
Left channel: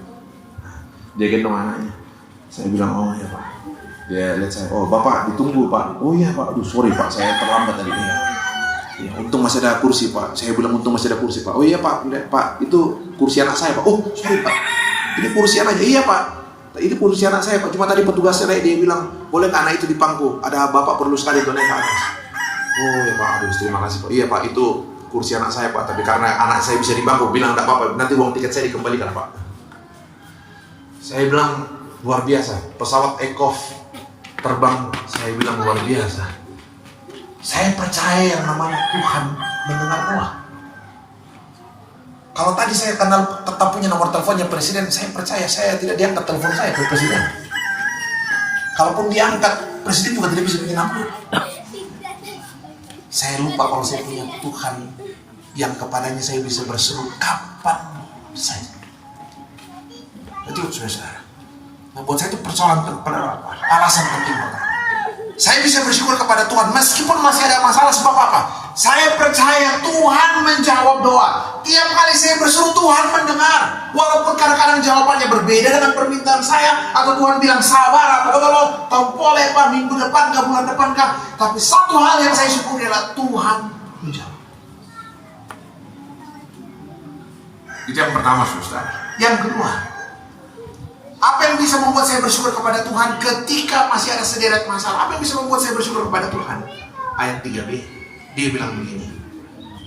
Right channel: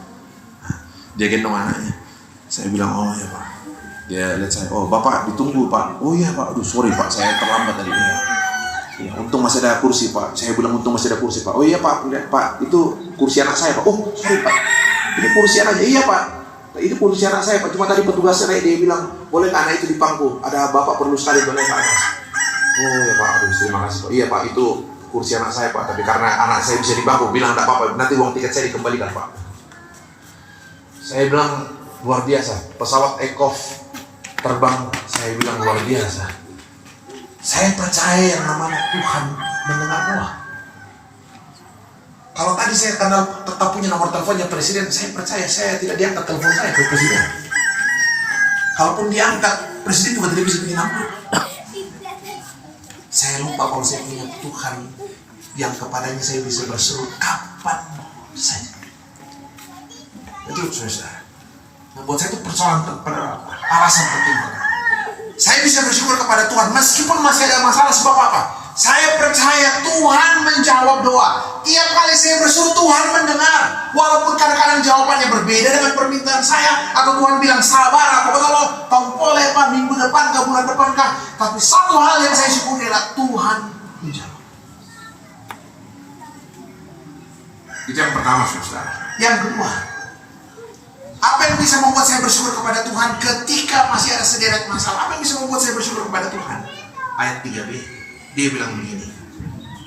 Dia gendong anaknya. Saya bilang, oh ya Pak. Dia lihat saya, oh Bapak ditunggu Pak. Oh iya Pak, aduh sorry Pak, saya terlambat tadi. Ya, untung masih ada kursi Pak. Saya bilang untung masih ada kursi Pak. Oh iya Pak, Pak itu kursi anak saya Pak. Oh sorry Pak, ini kursi anaknya. Iya Pak, ini kursi anak saya Pak. Cuma tadi petugasnya dia bilang, boleh anak itu di pangku. Ada Bapak perlu sekali untuk naik ke atas. Oh ya Pak, aduh terima kasih Pak. Iya Pak, itu kursi anak saya Pak. Tapi karena anak saya bisa di pangku, bilang enggak apa-apa. Nanti uang tiket saya dikembalikan Pak. Saya bilang luar biasa. Pesawat Ekov terbang, saya bilang luar biasa. Saya percaya yang namanya Tuhan mendengar doa. Kalau tadi saya kenal tetap punya nomor teleponnya presiden, saya percaya saya tidak diangkat telepon saya ke presiden. Kalaupun diangkat, presiden juga tidak bisa bikin apa. Saya lupa kalau saya punya Tuhan yang kepadanya saya bisa berseru kapan saja. Itu saudara. Nah, buat saya itu persoalan alasan penting banget. Saya bisa bersyukur kepada Tuhan meskipun masih ada masalah. Sebab apa? Saya percaya Tuhan menjawab doa. Tiap kali saya berseru Tuhan mendengar. Walaupun kadang-kadang jawabannya berbeda dengan permintaan saya. Atau Tuhan bilang sabar, apa kalau tompoleh Pak minggu depan kah, bulan depan kah. Tapi satu hal yang saya syukuri adalah Tuhan menjawab. Itu yang pertama saudara. Yang kedua, apa yang bisa membuat saya bersyukur kepada Tuhan ketika masih ada sederet masalah? Apa yang bisa membuat saya bersyukur kepada Tuhan? Ayat 3b, dia bilang begini,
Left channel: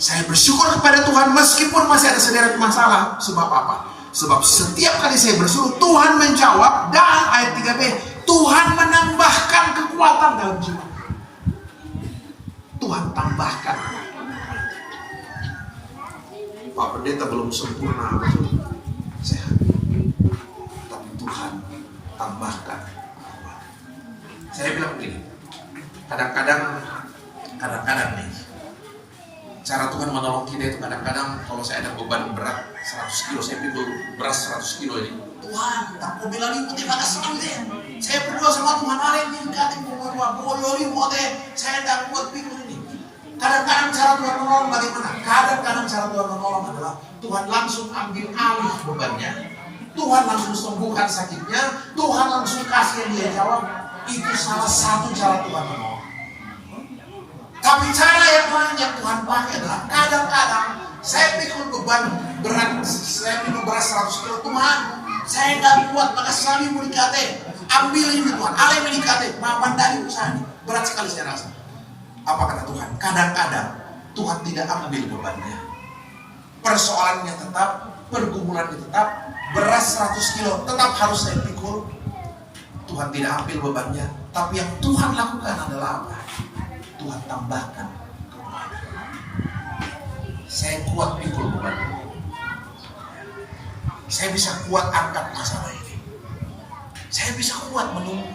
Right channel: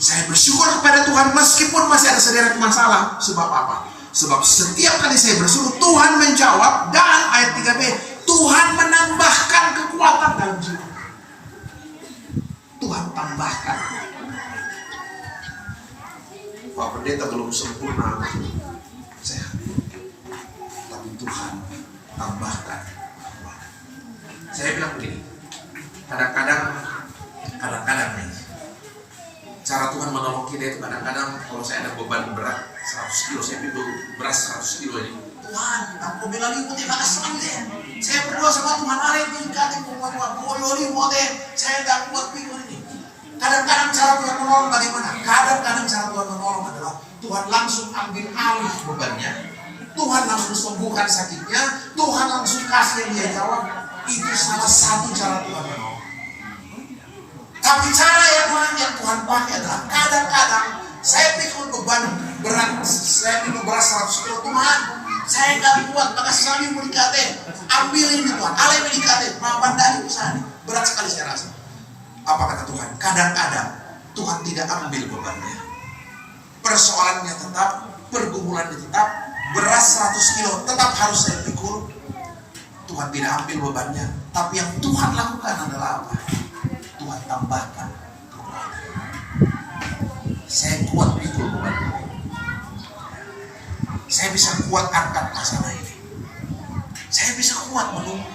saya bersyukur kepada Tuhan meskipun masih ada sederet masalah. Sebab apa? Sebab setiap kali saya bersyukur, Tuhan menjawab. Dan ayat 3b, Tuhan menambahkan kekuatan dalam jiwa. Tuhan tambahkan. Pak Pendeta belum sempurna sehat, tapi Tuhan tambahkan. Saya bilang begini, kadang-kadang nih, cara Tuhan menolong kita itu kadang-kadang kalau saya ada beban berat 100 kilo, saya pikul beras 100 kilo ini. Tuhan, aku bilang ibu terima kasih ya. Saya berdoa sama Tuhan, ada yang tingkatin saya tidak kuat pikul ini. Kadang-kadang cara Tuhan menolong bagaimana? Kadang-kadang cara Tuhan menolong adalah Tuhan langsung ambil alih bebannya. Tuhan langsung sembuhkan sakitnya. Tuhan langsung kasih yang dia jawab. Itu salah satu cara Tuhan menolong. Tapi cara yang Tuhan pakai adalah kadang-kadang saya pikul beban berat, saya pikul beras 100 kilo. Tuhan, saya tidak kuat, maka selalu mendikate. Ambil ini Tuhan, alih mendikate. Mampan dari usaha ini. Berat sekali saya rasa. Apa kata Tuhan? Kadang-kadang Tuhan tidak ambil bebannya. Persoalannya tetap, pergumulannya tetap, beras 100 kilo tetap harus saya pikul. Tuhan tidak ambil bebannya. Tapi yang Tuhan lakukan adalah apa? Tuhan tambahkan kekuatan. Saya kuat pikul beban. Saya bisa kuat angkat masalah ini. Saya bisa kuat menunggu.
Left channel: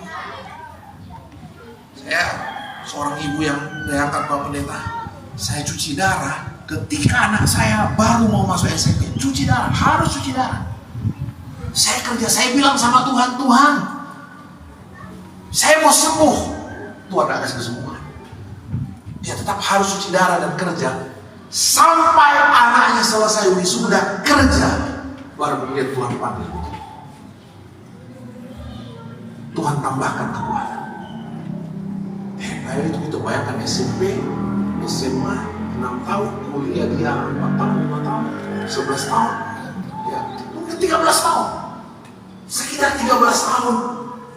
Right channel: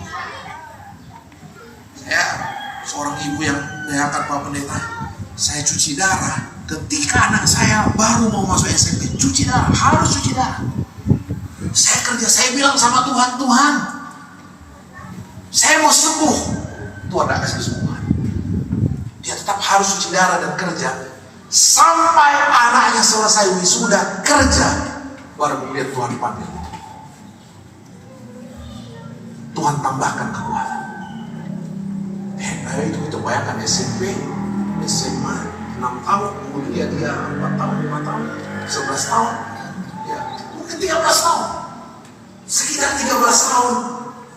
Saya seorang ibu yang diangkat Pak Pendeta. Saya cuci darah ketika anak saya baru mau masuk SMP. Cuci darah, harus cuci darah. Saya kerja, saya bilang sama Tuhan, Tuhan, saya mau sembuh. Tuhan tidak kasih kesembuhan. Dia tetap harus cuci darah dan kerja sampai anaknya selesai wisuda kerja, baru melihat Tuhan panggil. Tuhan tambahkan kekuatan. Itu bayangkan SMP, SMA 6 tahun, kuliah dia 4 tahun, 5 tahun, 11 tahun, ya, mungkin 13 tahun, sekitar 13 tahun.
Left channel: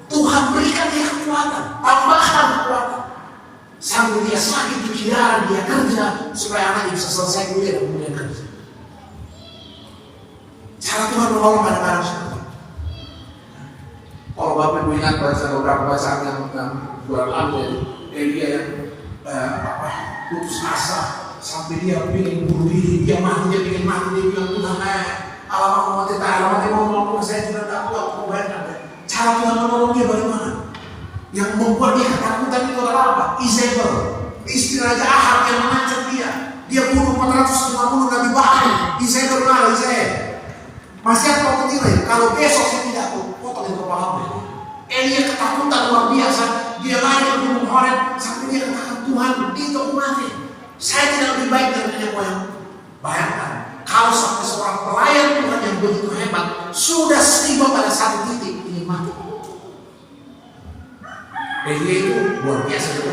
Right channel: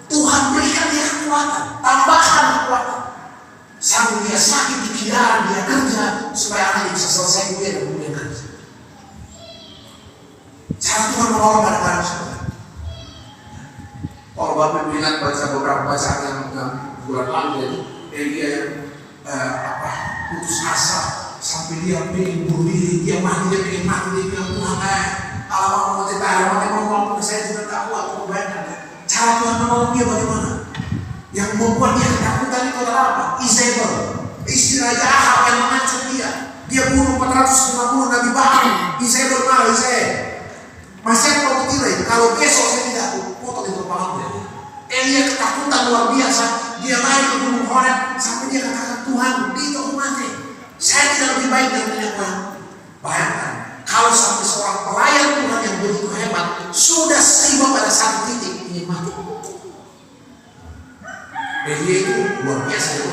Tuhan berikan dia kekuatan, tambahkan kekuatan. Sambil dia sakit di pikiran, dia kerja supaya anaknya bisa selesai kuliah dan kemudian kerja. Cara Tuhan menolong kadang-kadang seperti itu. Kalau Bapak Ibu ingat baca beberapa bacaan yang bulan lalu itu, dia yang putus asa sampai dia pengen bunuh diri, dia mati, dia pengen mati, dia bilang Tuhan alamak mau cerita, alamak mau saya sudah tak kuat, aku bayangkan. Cara Tuhan menolong dia bagaimana? Yang membuat dia ketakutan itu adalah apa? Izebel, istri Raja Ahab yang mengancam dia. Dia bunuh 450 Nabi Baal. Izebel malu saya. Masih apa tidak? Kalau besok saya tidak potong itu kepala dia. Elia ketakutan luar biasa. Dia lari ke gunung Horeb sampai dia katakan Tuhan itu aku mati. Saya tidak lebih baik dari nenek moyang. Bayangkan kalau sampai seorang pelayan Tuhan yang begitu hebat sudah tiba pada satu titik ingin mati. Elia itu luar biasa itu.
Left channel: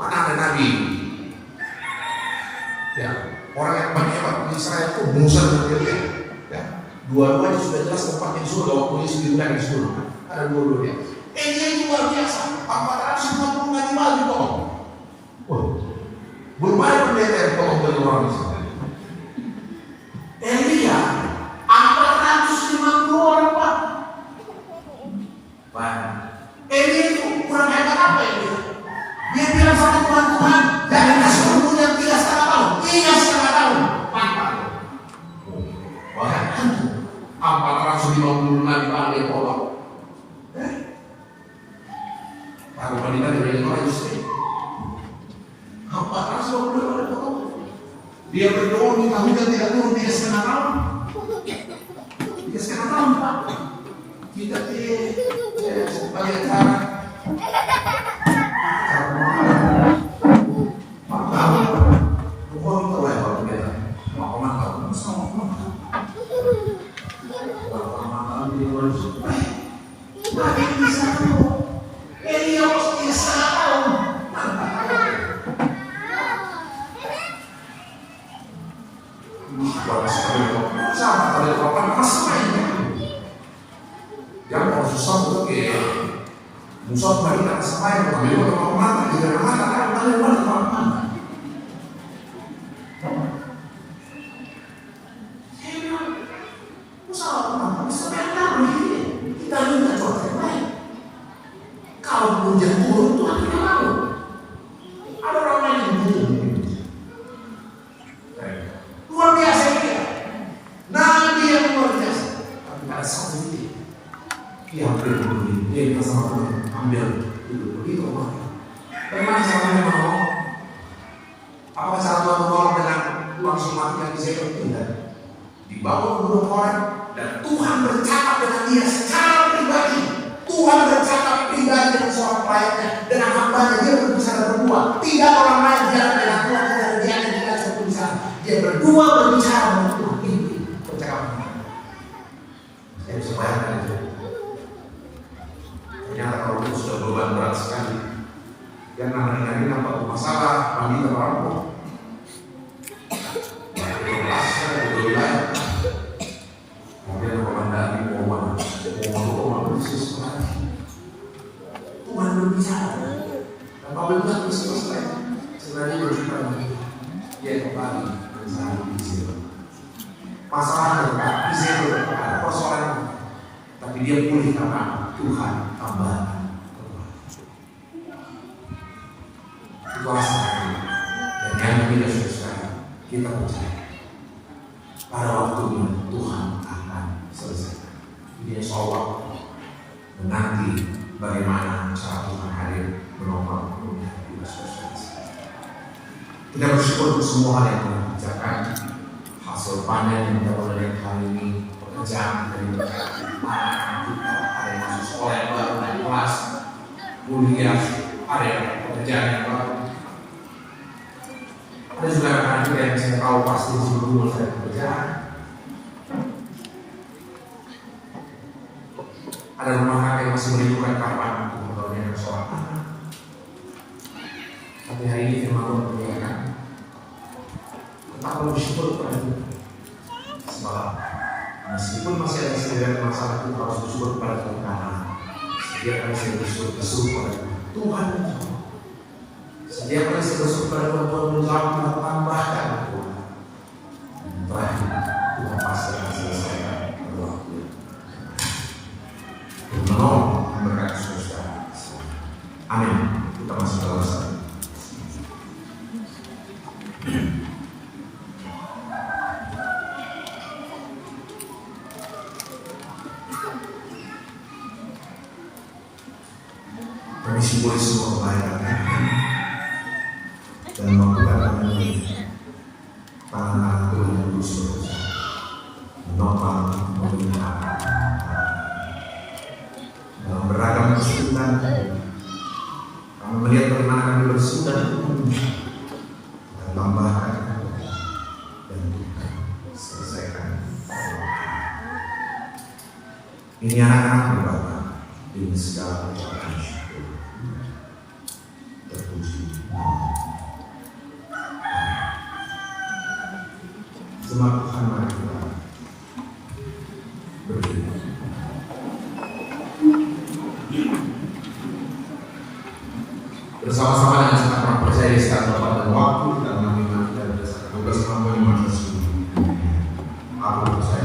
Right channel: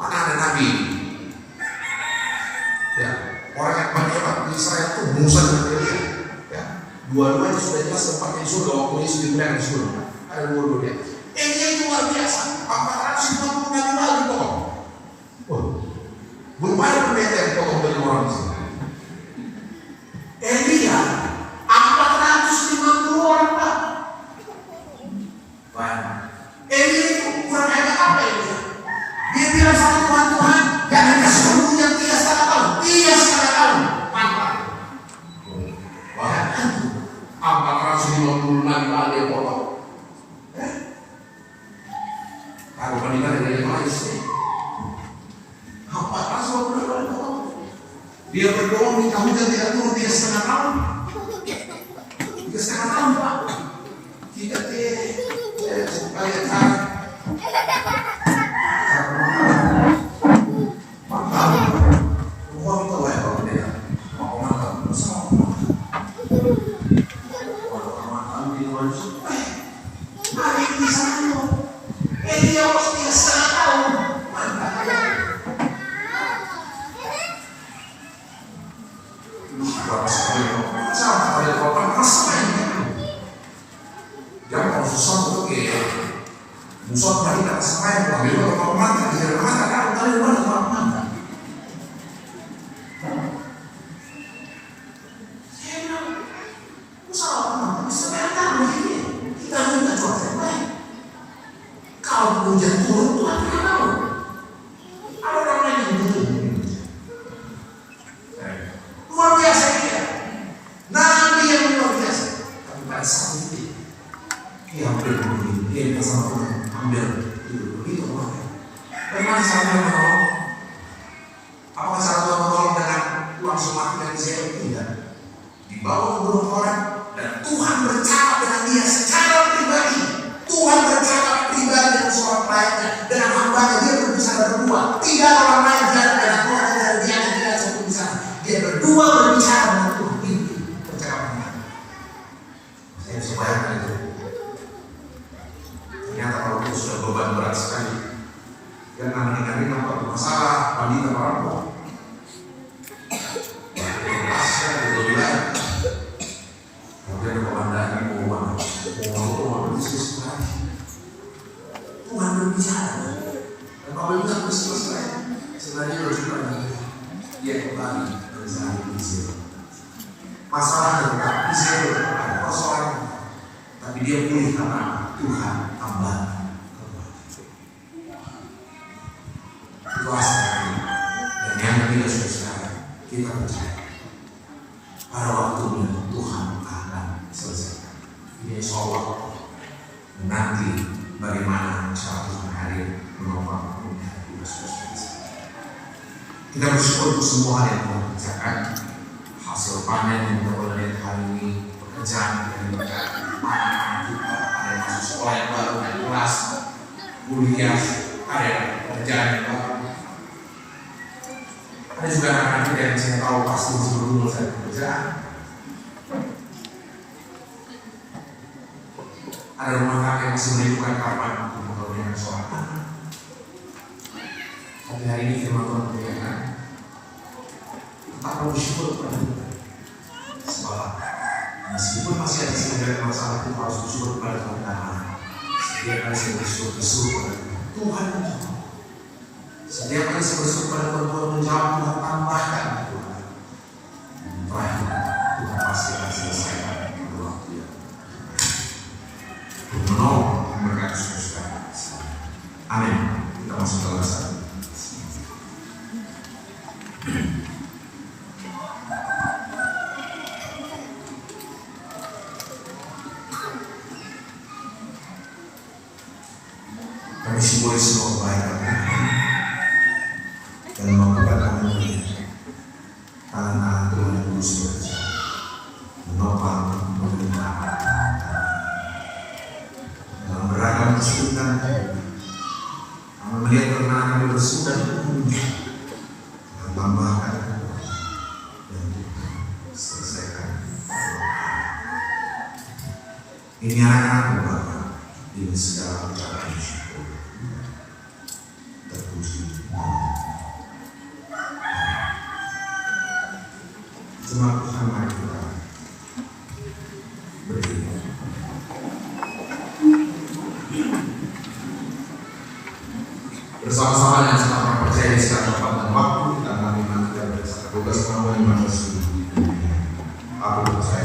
Mana ada Nabi? Ya, orang yang paling hebat di Israel itu Musa dan Elia. Ya, dua-duanya sudah jelas tempatnya di surga waktu Yesus diundang di surga. Ada dua-duanya. Elia itu luar biasa. Apakah semua Nabi lagi potong? Oh, belum ada pendeta yang potong bagi orang Israel. Elia 450 orang Pak. Baik. Elia itu kurang hebat apa Elia? Dia bilang sama Tuhan, jangan kasih umurnya 3,5 tahun. 3,5 tahun. Mantap. Wah, 450 Nabi Allah dia potong. Aku pendeta dari mana sih? 450 Nabi potong. Dia berdoa minta hujan tidak turun 3,5 tahun. 3,5 tahun Pak. Kita sebagai cara Musuh lagi tak sampai dia secara pribadi. Tuhan bercakap pribadi dengan seorang pelayannya, dengan hambanya. Dia berbicara berdua. Tidak orang lain di antara Tuhan, tidak dia tidak satu di sana. Dia berdua berbicara dengan Tuhan. Ini percakapan. Saya bisa bayangkan itu. Ternyata kalau itu sudah beban berat sekali. Yang namanya ringan atau masalah, wanita merampok. Tuhan berbicara dan kalau bilang selesai sebenarnya berjumpa lagi dia kembali bersama Israel. Masalahnya bukan Israel ada persoalan, tapi dia pulih karena Tuhan tambahkan. Itu asalnya. Dan yang kita sudah sekarang kita percaya pada waktunya Tuhan akan selesaikan. Dia soal menanti bagaimana cara Tuhan hadir menolong dunia kita selesai. Kita bersyukur untuk semua hal yang telah dikerjakan, hasil panen yang kita boleh lihat hari ini, pekerjaan kita diberkati, anak-anak kita ada yang masuk sekolah yang baru dan kelas, kuliah, ada pekerjaan yang baru. Ada juga anak-anak kita yang saya tahu pasti masih belum selesai pekerjaan. Ada rumah tangga yang masih merindukan kapan untuk membangunnya kesoalan. Tapi hari ini firman Tuhan berkata, tetap bersyukur kepada Tuhan. Sebab meskipun masih ada sebagian masalah, kita harus bersyukur kepada Tuhan karena setiap kali saya bersyukur kepada Tuhan menjawab. Setiap kali saya bersyukur kepada Tuhan menjawab dan tambahkan Tuhan. Dan terakhir Tuhan pasti akan selesaikan pada waktu yang menolong mereka saudara. Amin. Kita masuk dalam satu. Kami syukuri semua kebaikan dan memperkatakan ini tangan Tuhan yang kudus bekerja menopang memelihara dalam beragam kesulitan. Kami melihat kemenangan yang bersuka tambahkan dan selesaikan. Ini anak-anak Bapak, ini segala ucapan syukur. Terpuji. Jemaat Tuhan, mari kita berdiri. Bersama-sama dengan sama percaya di sekitar Bapak dan waktu kita mengambil kita berdasarkan tugas kamu yang manusia. Aku percaya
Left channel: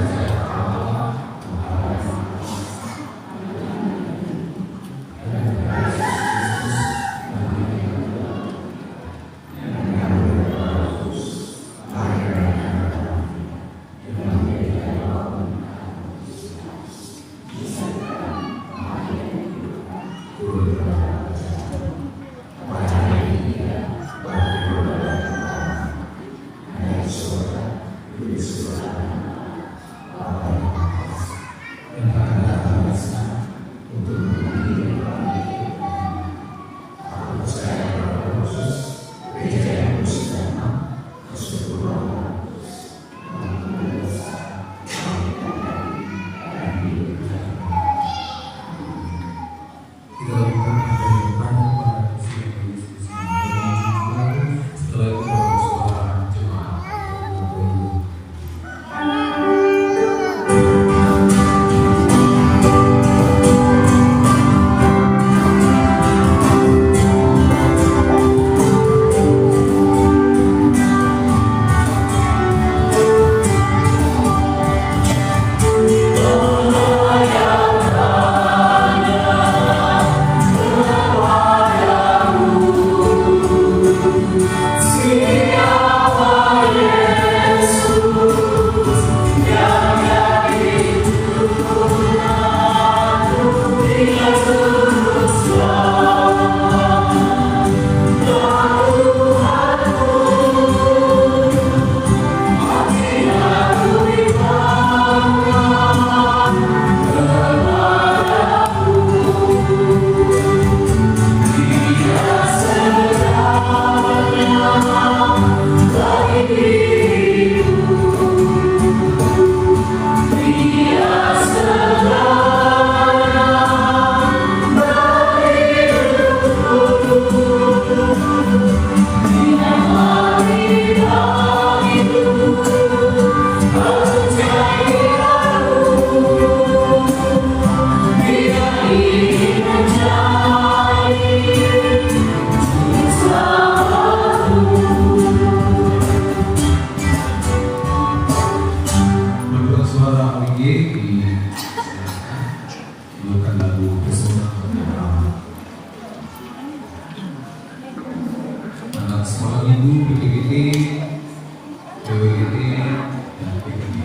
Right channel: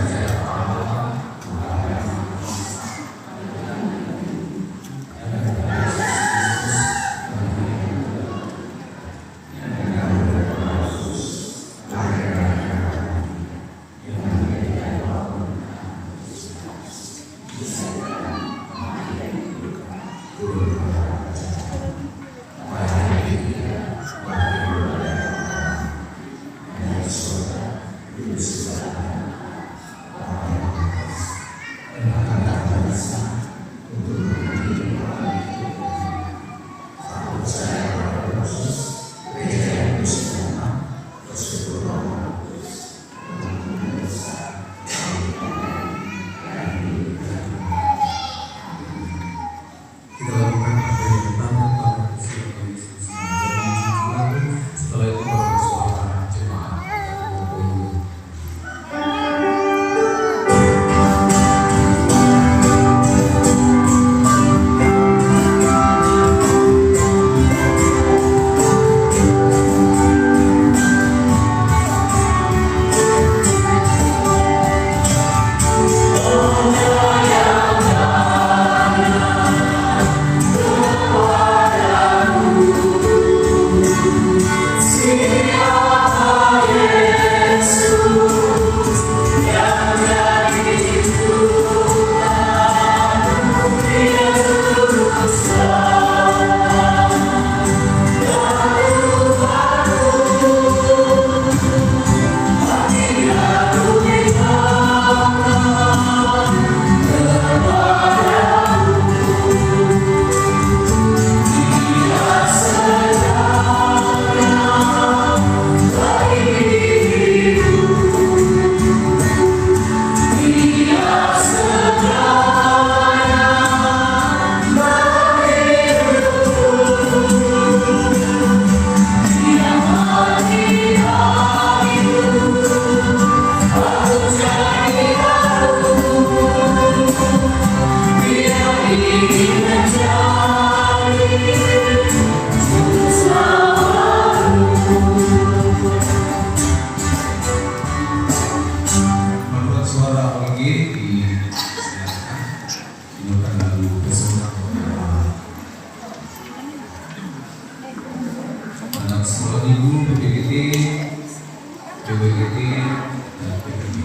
sekolah minggu, PPGT, PWGT, dan PPG.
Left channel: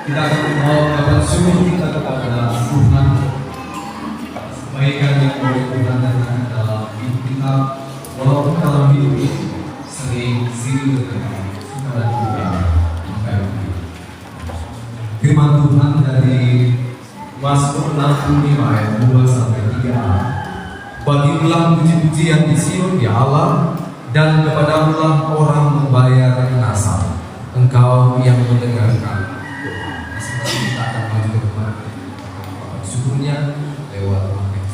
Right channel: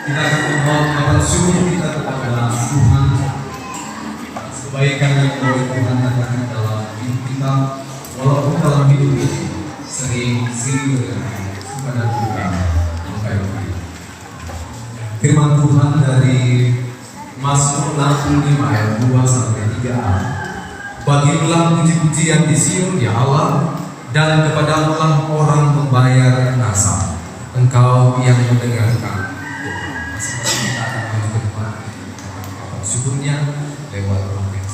kita akan memohon bersyukur kita kepada Tuhan atas kebaikan yang boleh Tuhan datangkan dalam hidup kita, walaupun dalam hidup ini sering singgah dengan suka dan duka dan kayak firman Tuhan dari Mazmur 65 ayat 2 sampai 3a. Bagilah puji-pujian di Sion, ya Allah, dan kepadamulah orang membayar kasar. Engkau yang mendengarkan. Kita akan mendengarkan syukurnya lewat wakil.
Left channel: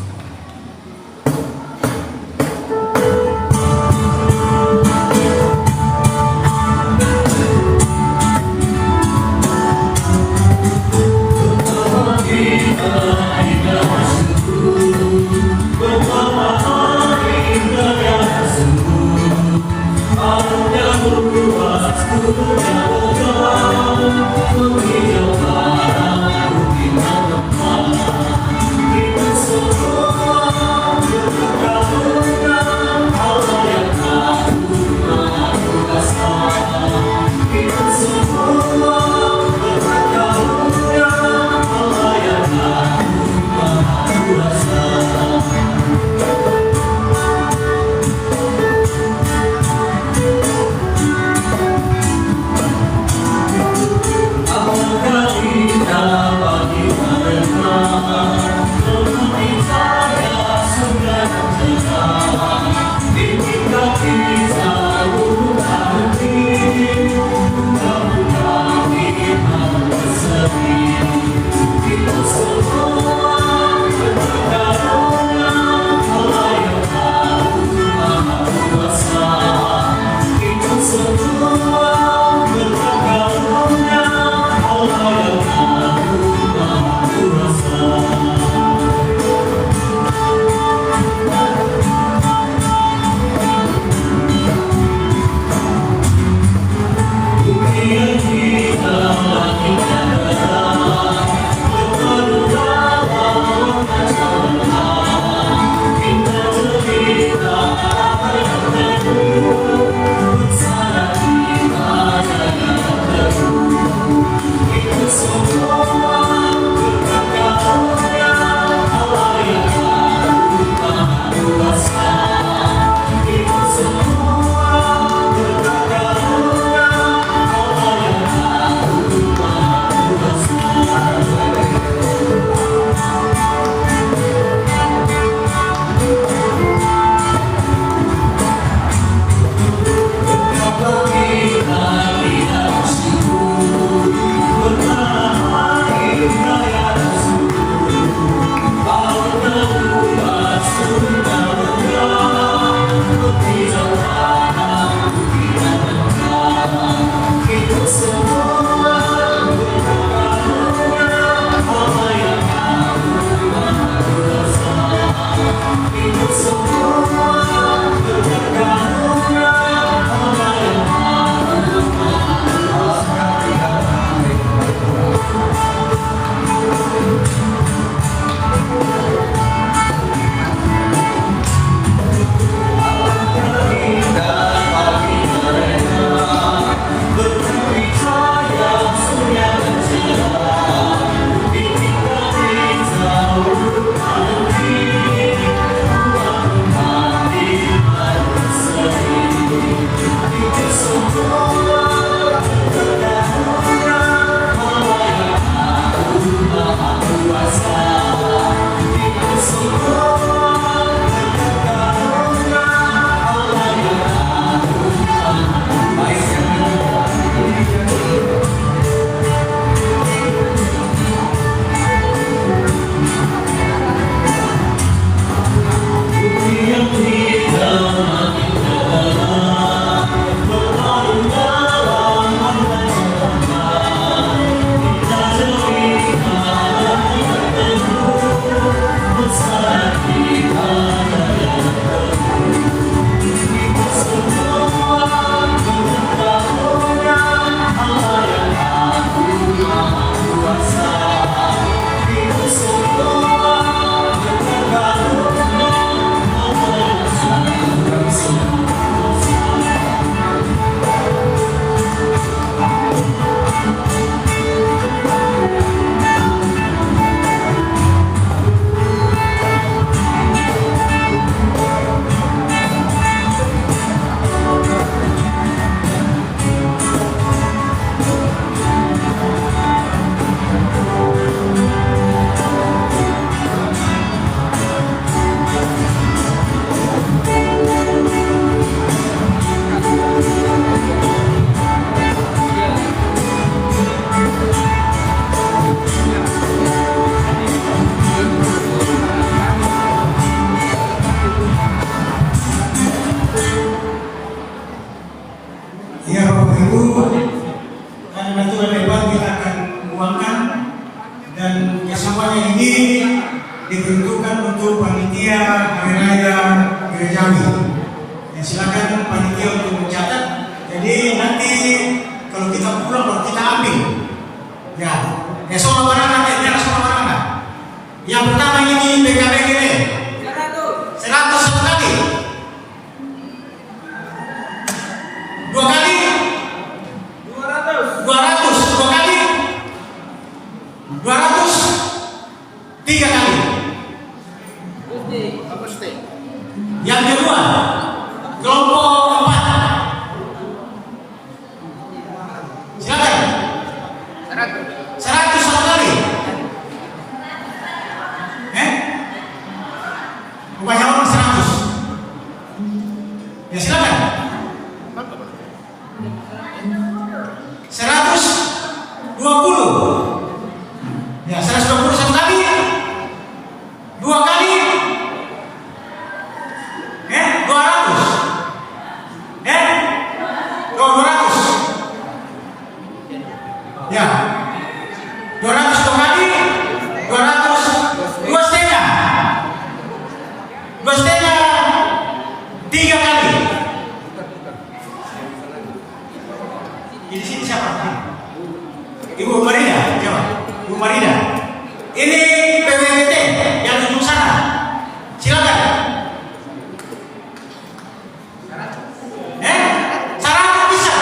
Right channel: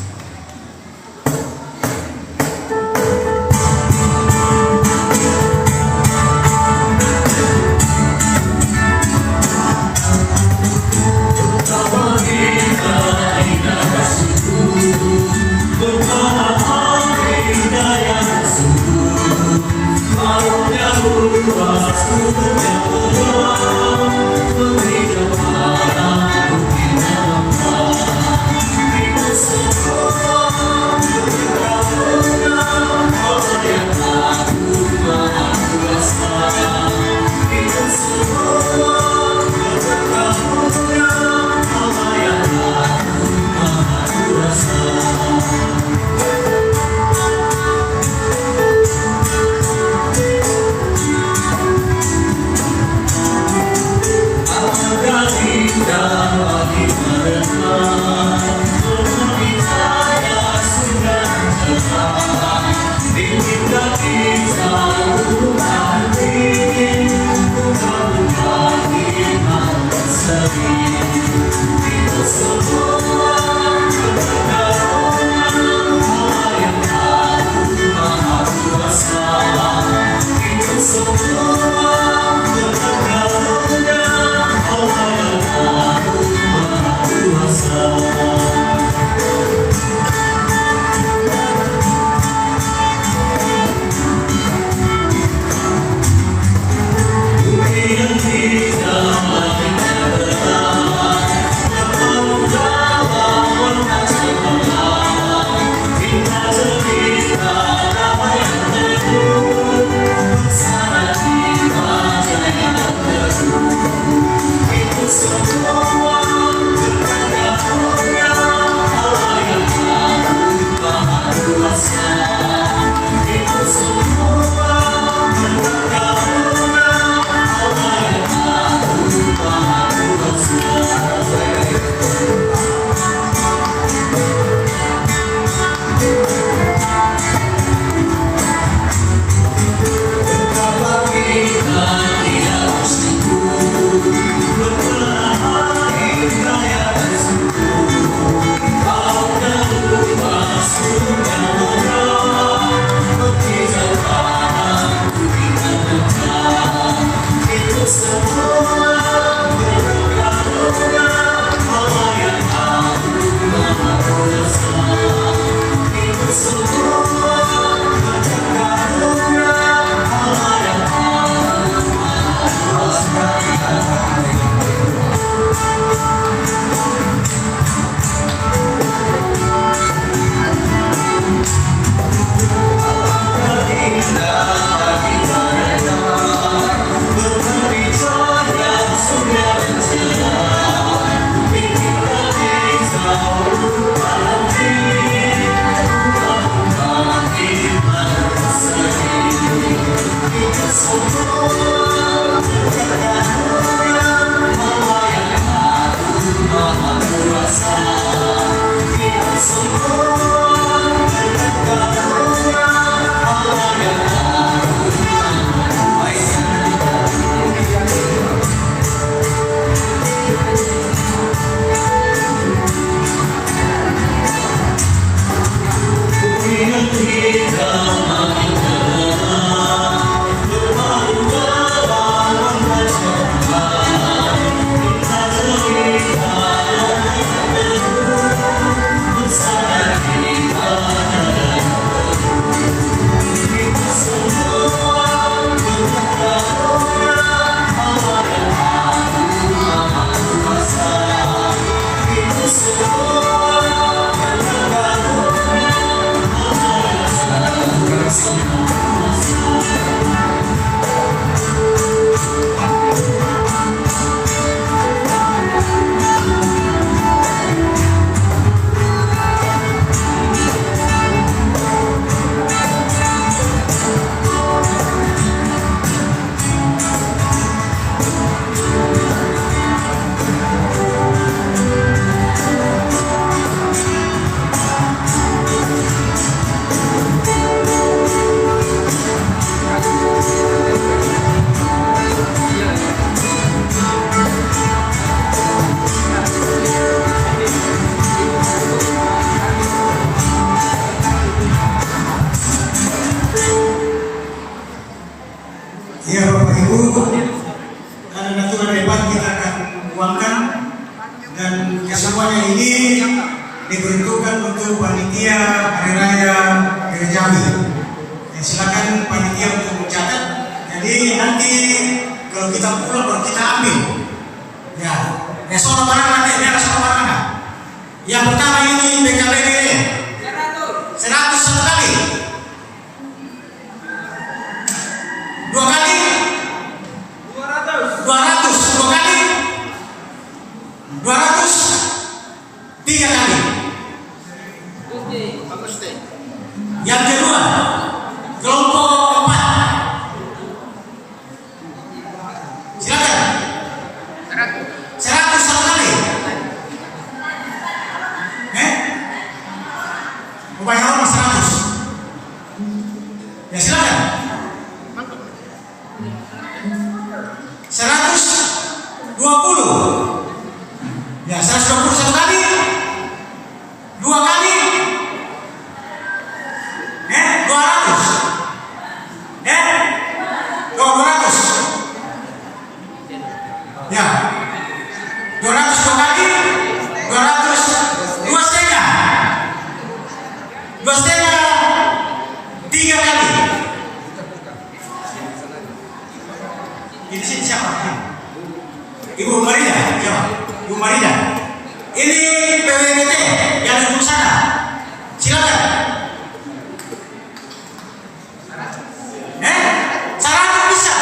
Ya Bapak Ibu, karena aturan debat kita akan uangkan dan kesemuanya ini diperuntukkan untuk panitia hari raya gerejawi. Ya, silakan panitia untuk mencatat. Jadi nanti kalau kita pulang baru kita ambil. Ya, soal mana nanti, biar soal mana. Yang pertama ini BKBD 100 satu kali. 2 kali 200 2 kali 200 3 kali. Yang kedua kelompok 4 silakan 100 satu kali. Banyak orang 100. Ya silakan 120. Ya 120 satu kali. 2 kali 200. 200. Ya 200 2 kali 200 2 setengah 2 setengah 3 kali. Ini siapa? Ibu Marida, ya, Ibu Marida. Ini PWBT yang di sana. Silakan. 100 bisa.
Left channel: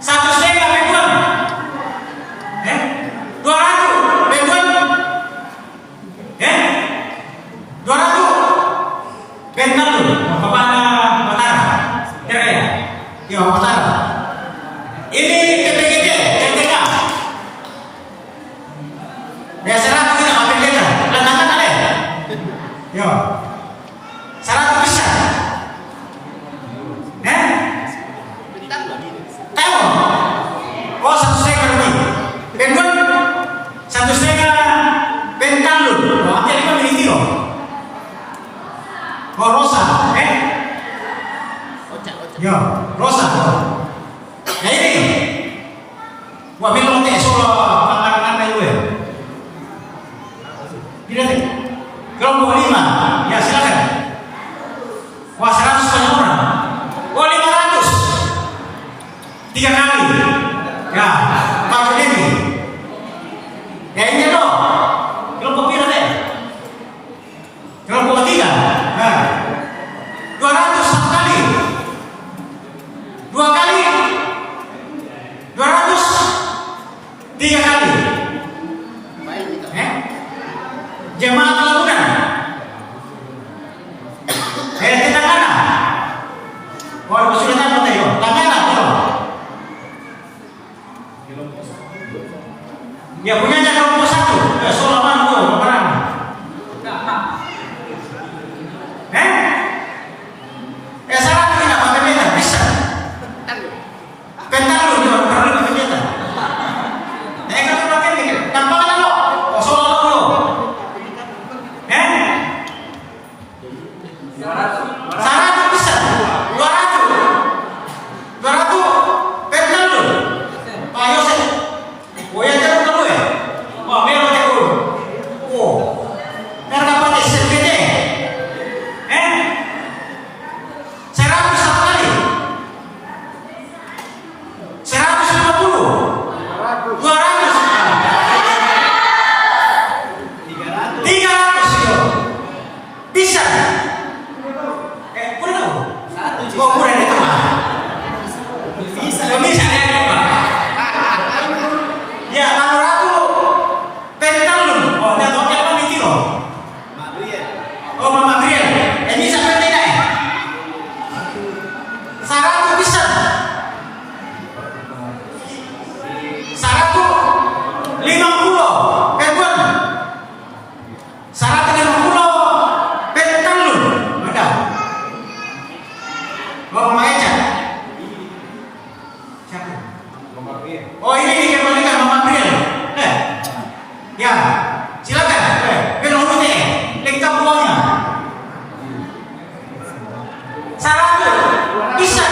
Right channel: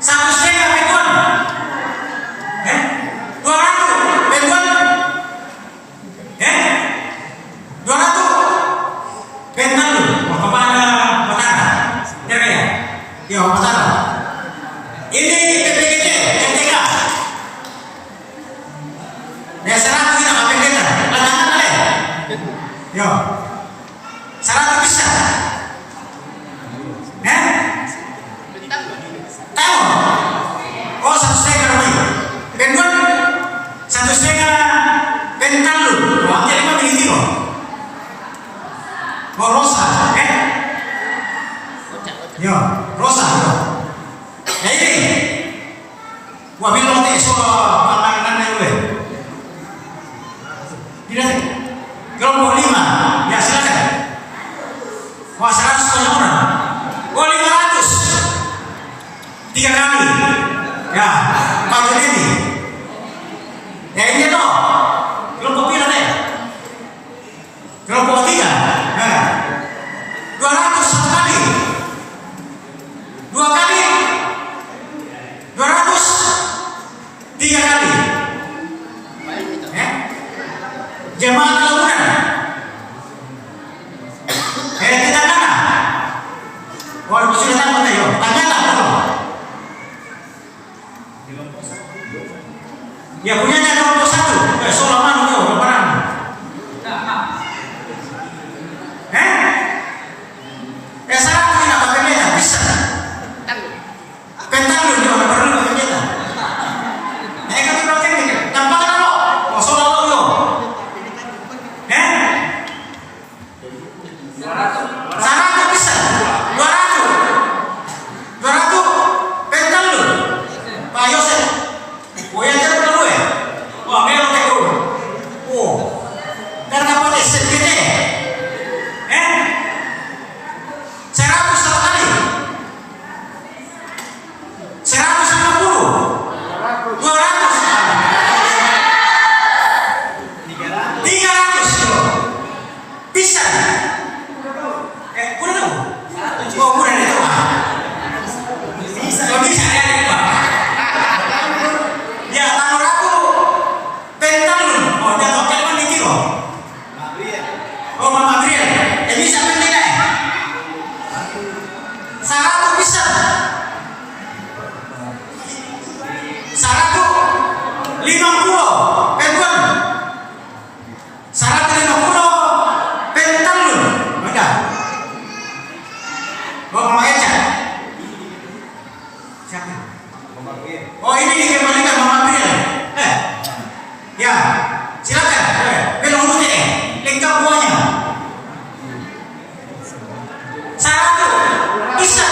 1 setengah pegon. 200 pegon. 200 pegon dulu. Apa mana? Ya, apa? Ini PPGT, NTK. Ya, 100 kita pakai kita. Lanjutkan kalian. Yo. 100 bisa. Tahu? Oh, 1 setengah lebih. Pengen 1 setengah pengen lu. Wah, jadi apa jadi tiro? Oh, rosa. Yo, rosa. Ya ini, wah memang tak solo pandangan kayu ya. Tidak sih. Kelompok 5, ya silakan. Wah 100 banyak orang. Wah 500. 3 kali. Ya, pakai ini. Ya ini loh. Kelompok berapa deh? Kelompok 3. Ya. 200 satu kali. 2 kali. 200 3 kali. Jemaat lalunan. Kita mana? Wah, sudah tahu tadi. Tanya tak? Ya punya kelompok 1. Solo mana tuh? Berapa? Sekarang kita pakai dia bisa. Pentang lu dia perlu pakai dia. Nah, kalau pakai dia, tanpa lo. Oh, solo lo. 100 bisa. 200 pentang lu. Pak Yosef. Oh ya, jangan dulu ya. Wah, memang dulu. 50 Penton. Syarat 50 Pentalun. Ada. Bapak Makeca. Siapa? Oh ini dikembalikan Mama Brian. Ya, silakan. Penurutnya, lengkap semuanya. Syarat bisa.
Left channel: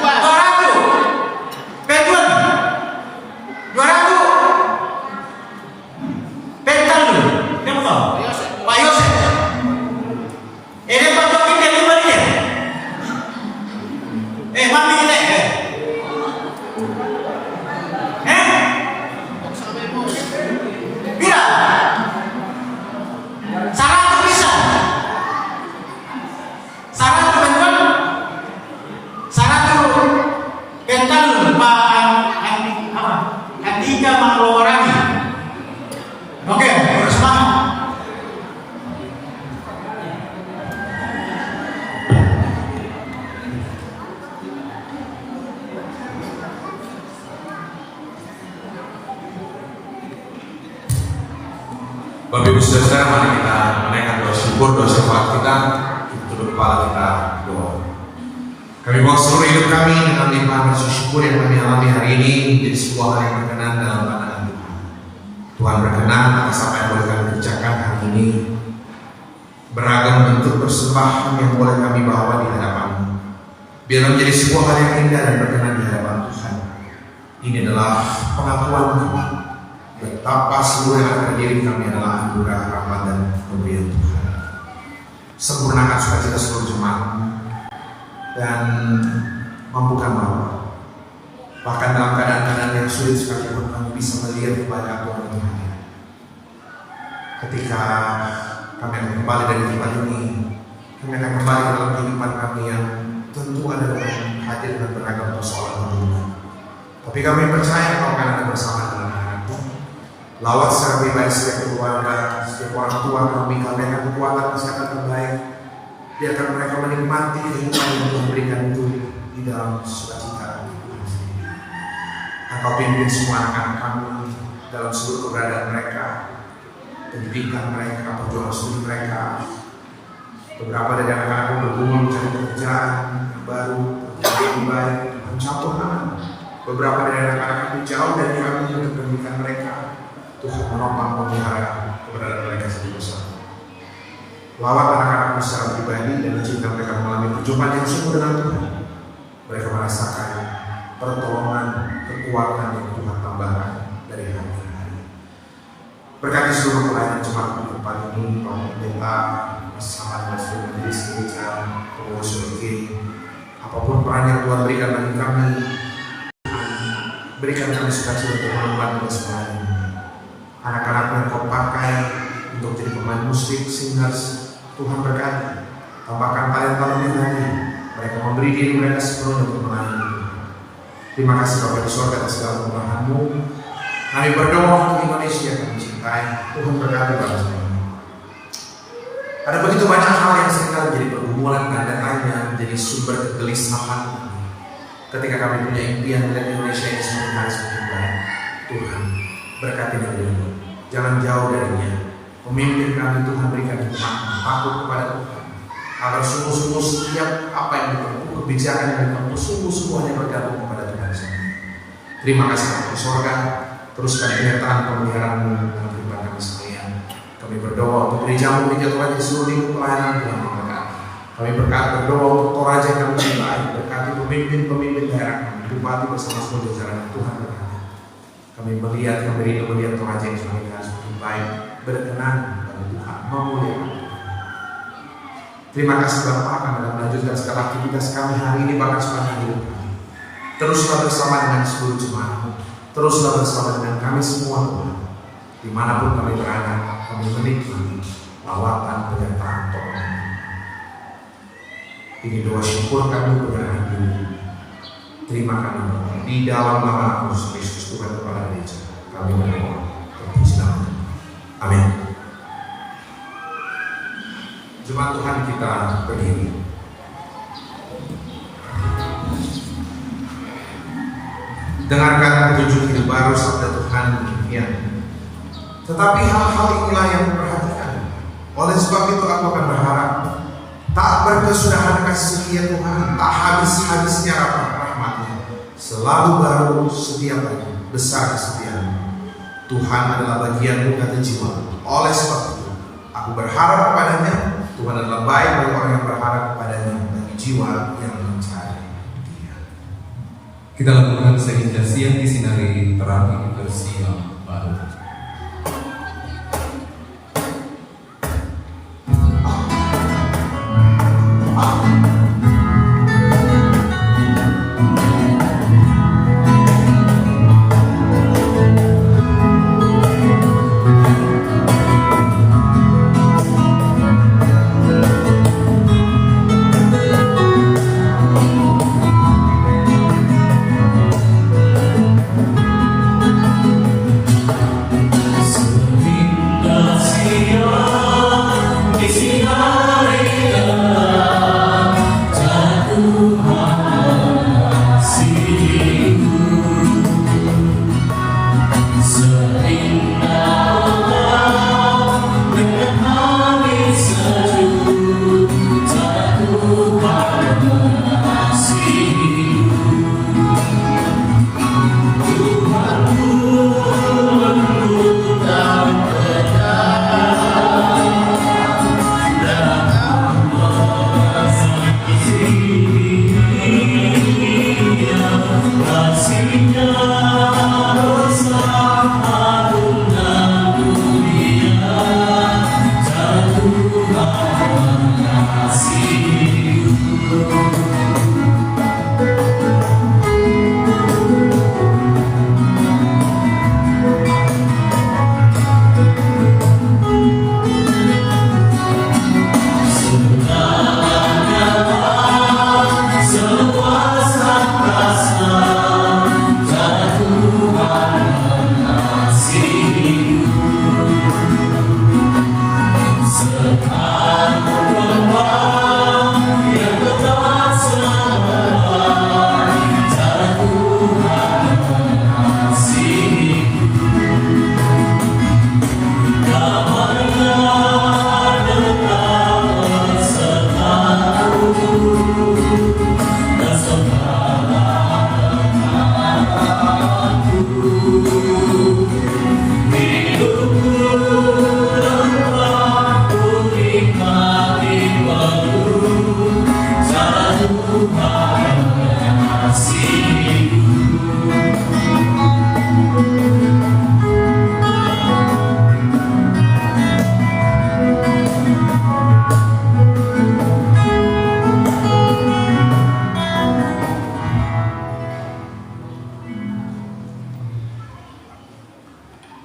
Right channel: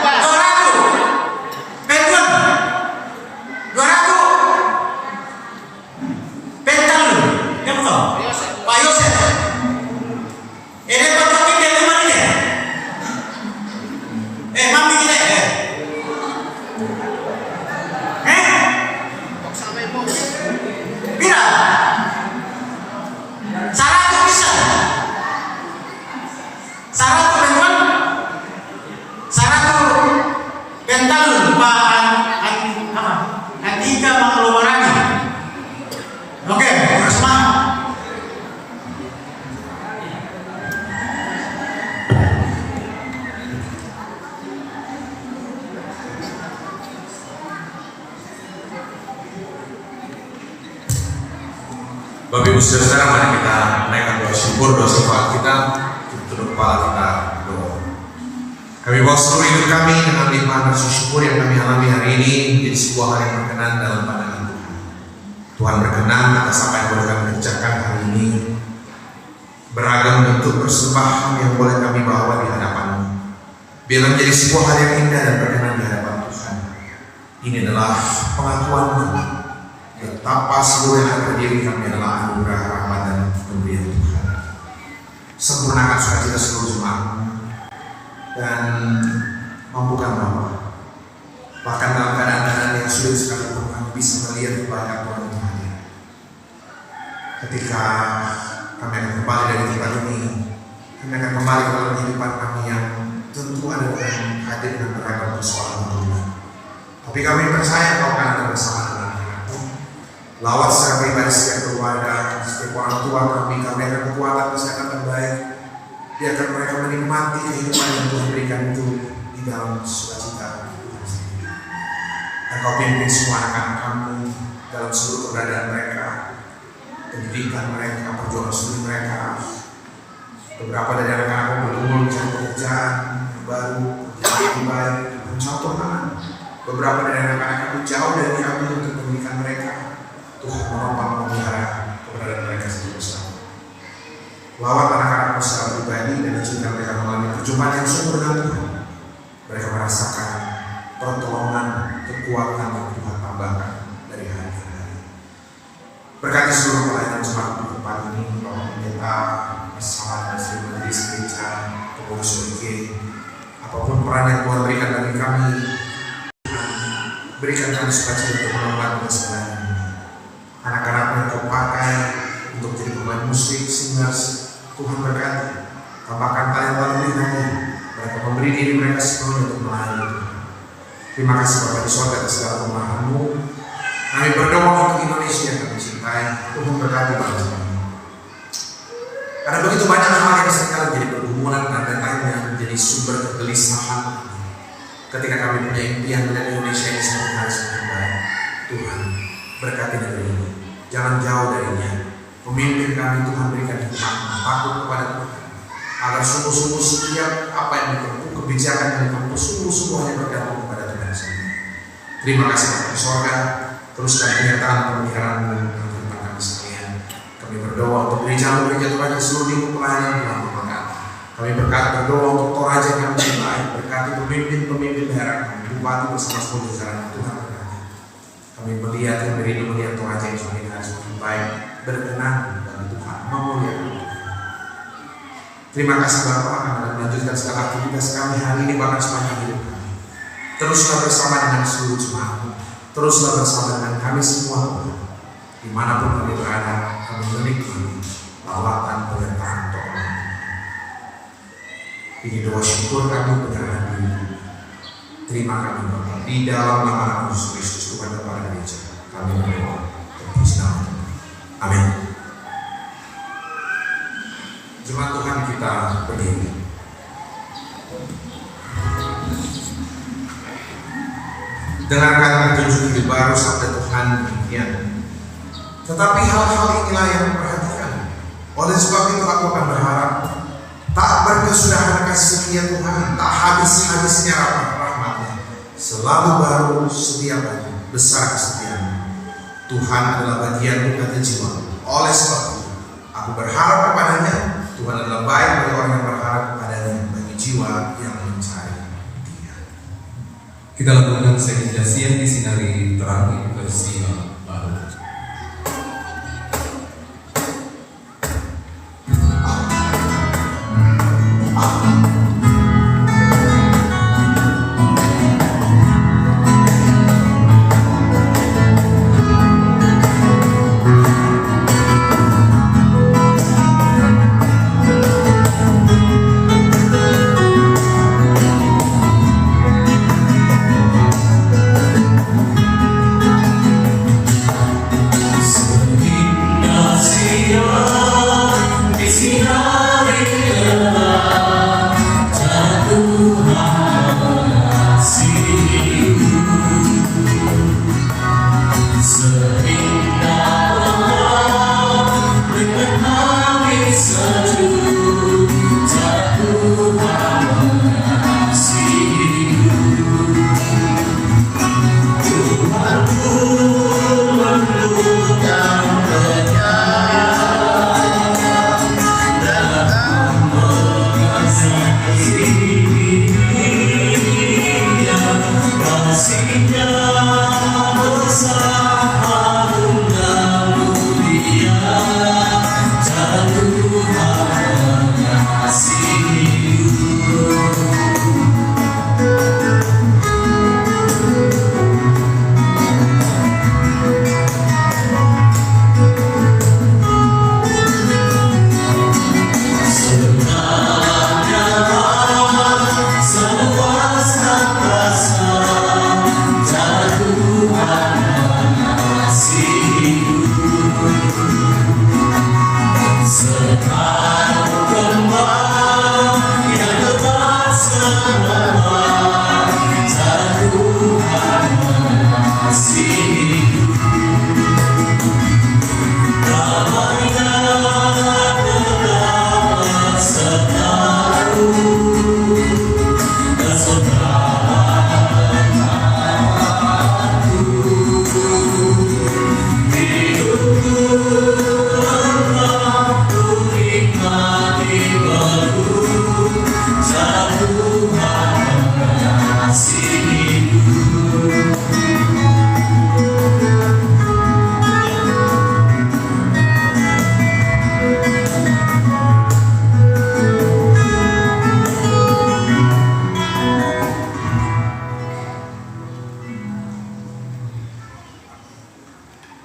200 Penton. 200 Pentalun. Yang betul? Pak Yosef. Ini Bapak ini dari mana dia? Mami kita Bira. Syarat bisa. Syarat teman-teman. Syarat Pentalun yang 3 mengeluarkan. Oke, semangat. Bapak Ibu Saudara, mari kita menaikkan doa syukur, doa syafaat kita untuk doa kita doa. Kami bawa seluruh hidup kami dengan limpahan rasa syukur yang kami alami hari ini menjadi sebuah hal yang berkenan dalam pandangan Tuhan. Tuhan berkenan atas apa yang boleh kami kerjakan hari ini. Beragam bentuk persembahan yang boleh kami bawa di hadapan-Mu. Biar menjadi sebuah hal yang indah dan berkenan di hadapan Tuhan. Ini adalah pengakuan kami betapa seluruh yang terjadi kami adalah anugerah, rahmat dan pemberian Tuhan. Sempurnakan sukacita seluruh jemaat dan mampukan Bapa. Bahkan dalam keadaan yang sulit sekalipun kami bisa melihat kepada Tuhan Tuhan. Ketika kami akan kembali dari tempat ini, kami akan kembali dalam kehidupan kami yang tentu ada dengan hadir dan beragam persoalan Tuhan. Tapi kami percaya bahwa akan bersama dengan lawat secara pribadi setiap keluarga, setiap orang tua kami akan kekuatan kesehatan terbaik. Biarkan mereka menikmati kehidupan yang Tuhan berikan itu di dalam sukacita. Engkau pimpin semua anak-anak kami dalam seluruh keberadaan mereka, pendidikan mereka, perjuangan studi mereka. Beberapa dari anak-anak bergumul mencari pekerjaan yang baru, pekerjaan yang baik, pencatohan. Beberapa dari anak-anak kami jauh dari kami untuk pendidikan mereka. Tuhan menopang memelihara keberadaan mereka sendiri bersama. Lawat anak-anak secara pribadi dan izinkan mereka mengalami perjumpaan yang sungguh dengan Tuhan. Mereka merasakan pertolongan, kekuatan yang Tuhan tambahkan dari hari ke hari. Berkati seluruh pelayanan jemaat di depan ini, Bapak Pendeta, bersama dan seluruh majelis gereja, pengurus UG, apapun peran yang Tuhan berikan bagi kami, berikan kami sukacita dan membantu semuanya. Anak-anak yang Kau pakai untuk jadi pemain musik, singers, Tuhan berkati. Tambahkan talenta lebih lagi. Mereka memberi diri mereka sepenuhnya untuk melayani Tuhan. Terima kasih Bapak di surga atas segala kemurahan-Mu. Kami berdoa untuk Indonesia yang kami cintai. Tuhan berkati bangsa kami. Ada begitu banyak hal yang sekarang menjadi pergumulan dan lainnya menjadi sumber kegelisahan. Ketika kami punya impian melihat Indonesia ini semakin hari semakin baik, Tuhan berkati negeri ini. Jangan jauh darinya. Pemimpin kami Tuhan berikan hikmat takut kepada Tuhan, agar sungguh-sungguh setiap apa yang ditempuh, kebijakan yang ditempuh, sungguh-sungguh yang bergantung kepada Tuhan sendiri. Terima kasih Bapak di sorga. Teruskan penyertaan pemeliharaan dalam kehidupan kami sekalian. Kami berdoa untuk gereja-gereja Toraja seluruh pelayanan Tuhan memberkati. Kami berdoa untuk Toraja kami cintai, berkati pemimpin-pemimpin daerah kami, bupati bersama seluruh jajaran Tuhan berkati. Kami melihat yang beri kemudian Toraja yang semakin baik, berkenan bagi Tuhan, memuliakan Tuhan. Terima kasih Bapak akan melanjutkan segala aktivitas kami hari ini bahkan sepanjang hidup kami. Teruslah bersama dengan seluruh jemaat, teruslah bersama dengan kami semua, dimanapun kami berada, kami menikmati lawatan penyertaan Tuhan. Ini doa syukur kami penyerahan diri. Terima kami Bapak di dalam nama Yesus Kristus Tuhan kepada gereja. Kami berdoa. Amin. Jemaat Tuhan kita berdiri. Dengarkan petunjuk hidup baru sabda Tuhan demikian. Tetapi hal-hal inilah yang memperhatikan. Oleh sebab itu aku akan berharap tak berkesudahan kasih setia Tuhan, tak habis-habisnya rahmat-nya, selalu baru setiap pagi, besar kesetiaan. Tuhan adalah bagianmu, kata jiwa. Oleh sebab itu aku berharap kepadanya. Tuhan adalah baik bagi orang yang berharap kepadanya, bagi jiwa yang mencari Dia. Kita lakukan sekaligus yang disinari terang versi yang baru.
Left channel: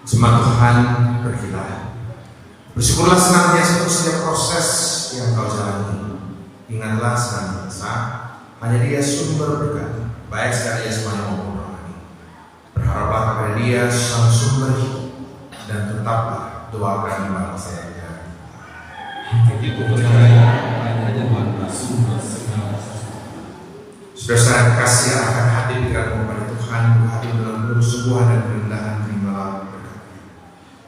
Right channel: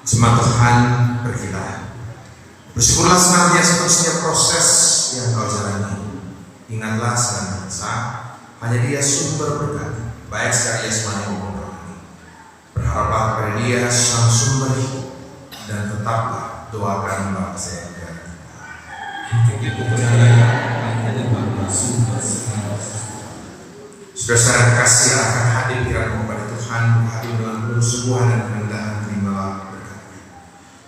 Jemaat Tuhan, berkita. Bersyukurlah senantiasa untuk setiap proses yang kau jalani. Ingatlah senantiasa, hanya Dia sumber berkat, baik secara jasmani maupun rohani. Berharaplah kepada Dia sang sumber hidup, dan tetaplah doakan bangsa kita. Saudara-saudara yang kasih, akan hadir pikiranmu kepada Tuhan, berhati dalam penuh kesungguhan dan kerendahan, terimalah berkat.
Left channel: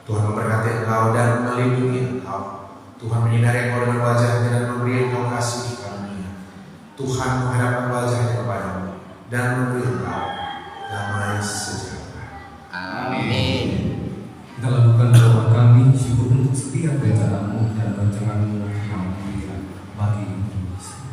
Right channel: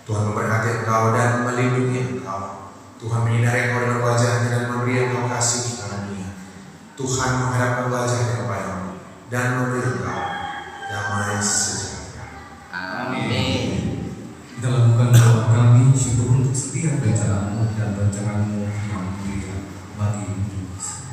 Tuhan memberkati engkau dan melindungi engkau. Tuhan menyinari engkau dengan wajahnya dan memberi engkau kasih karunia. Tuhan menghadapkan wajahnya kepadamu dan memberi engkau damai sejahtera. Amin. Kita lakukan doa kami syukur untuk setiap rencanamu dan rancanganmu yang mulia bagi Indonesia.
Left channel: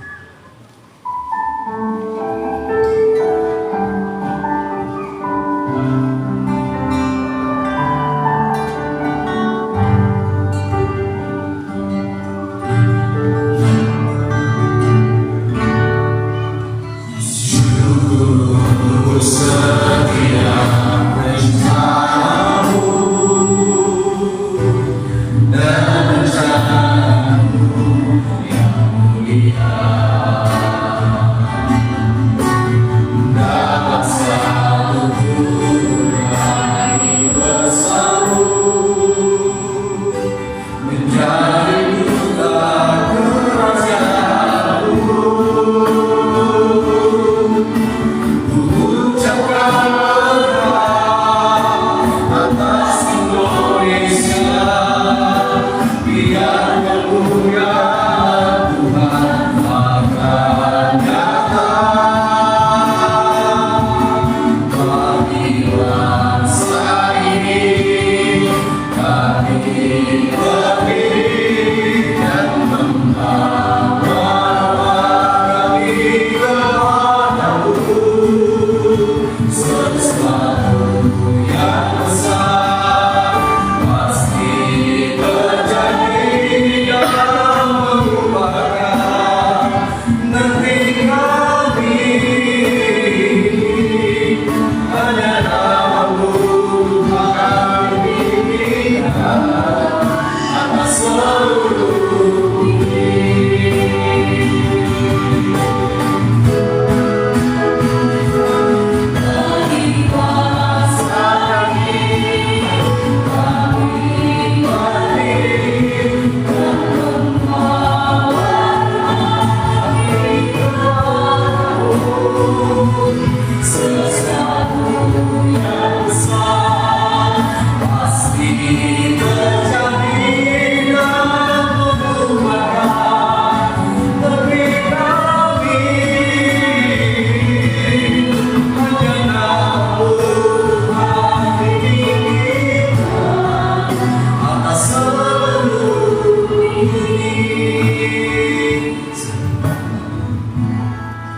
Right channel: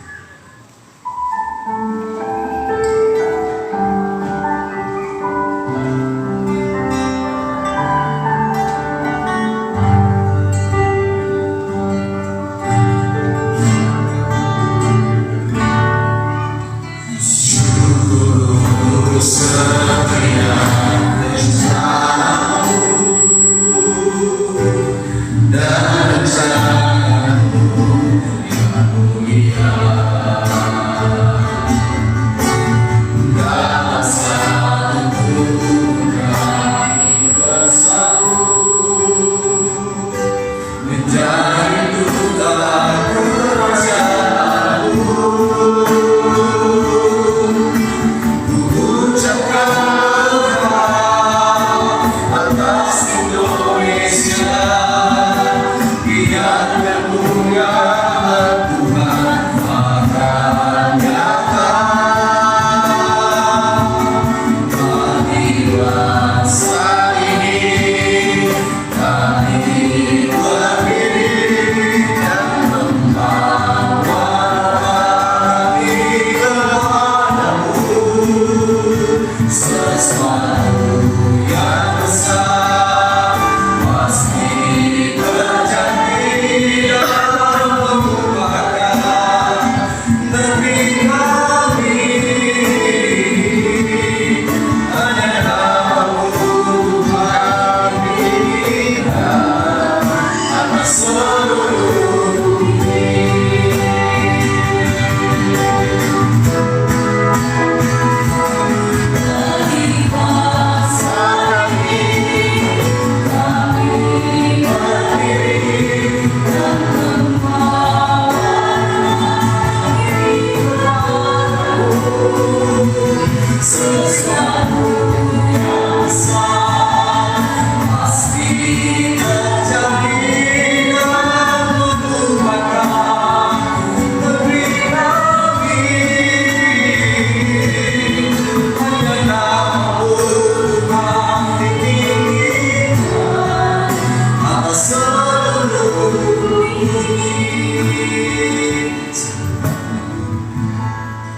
Dan Bukti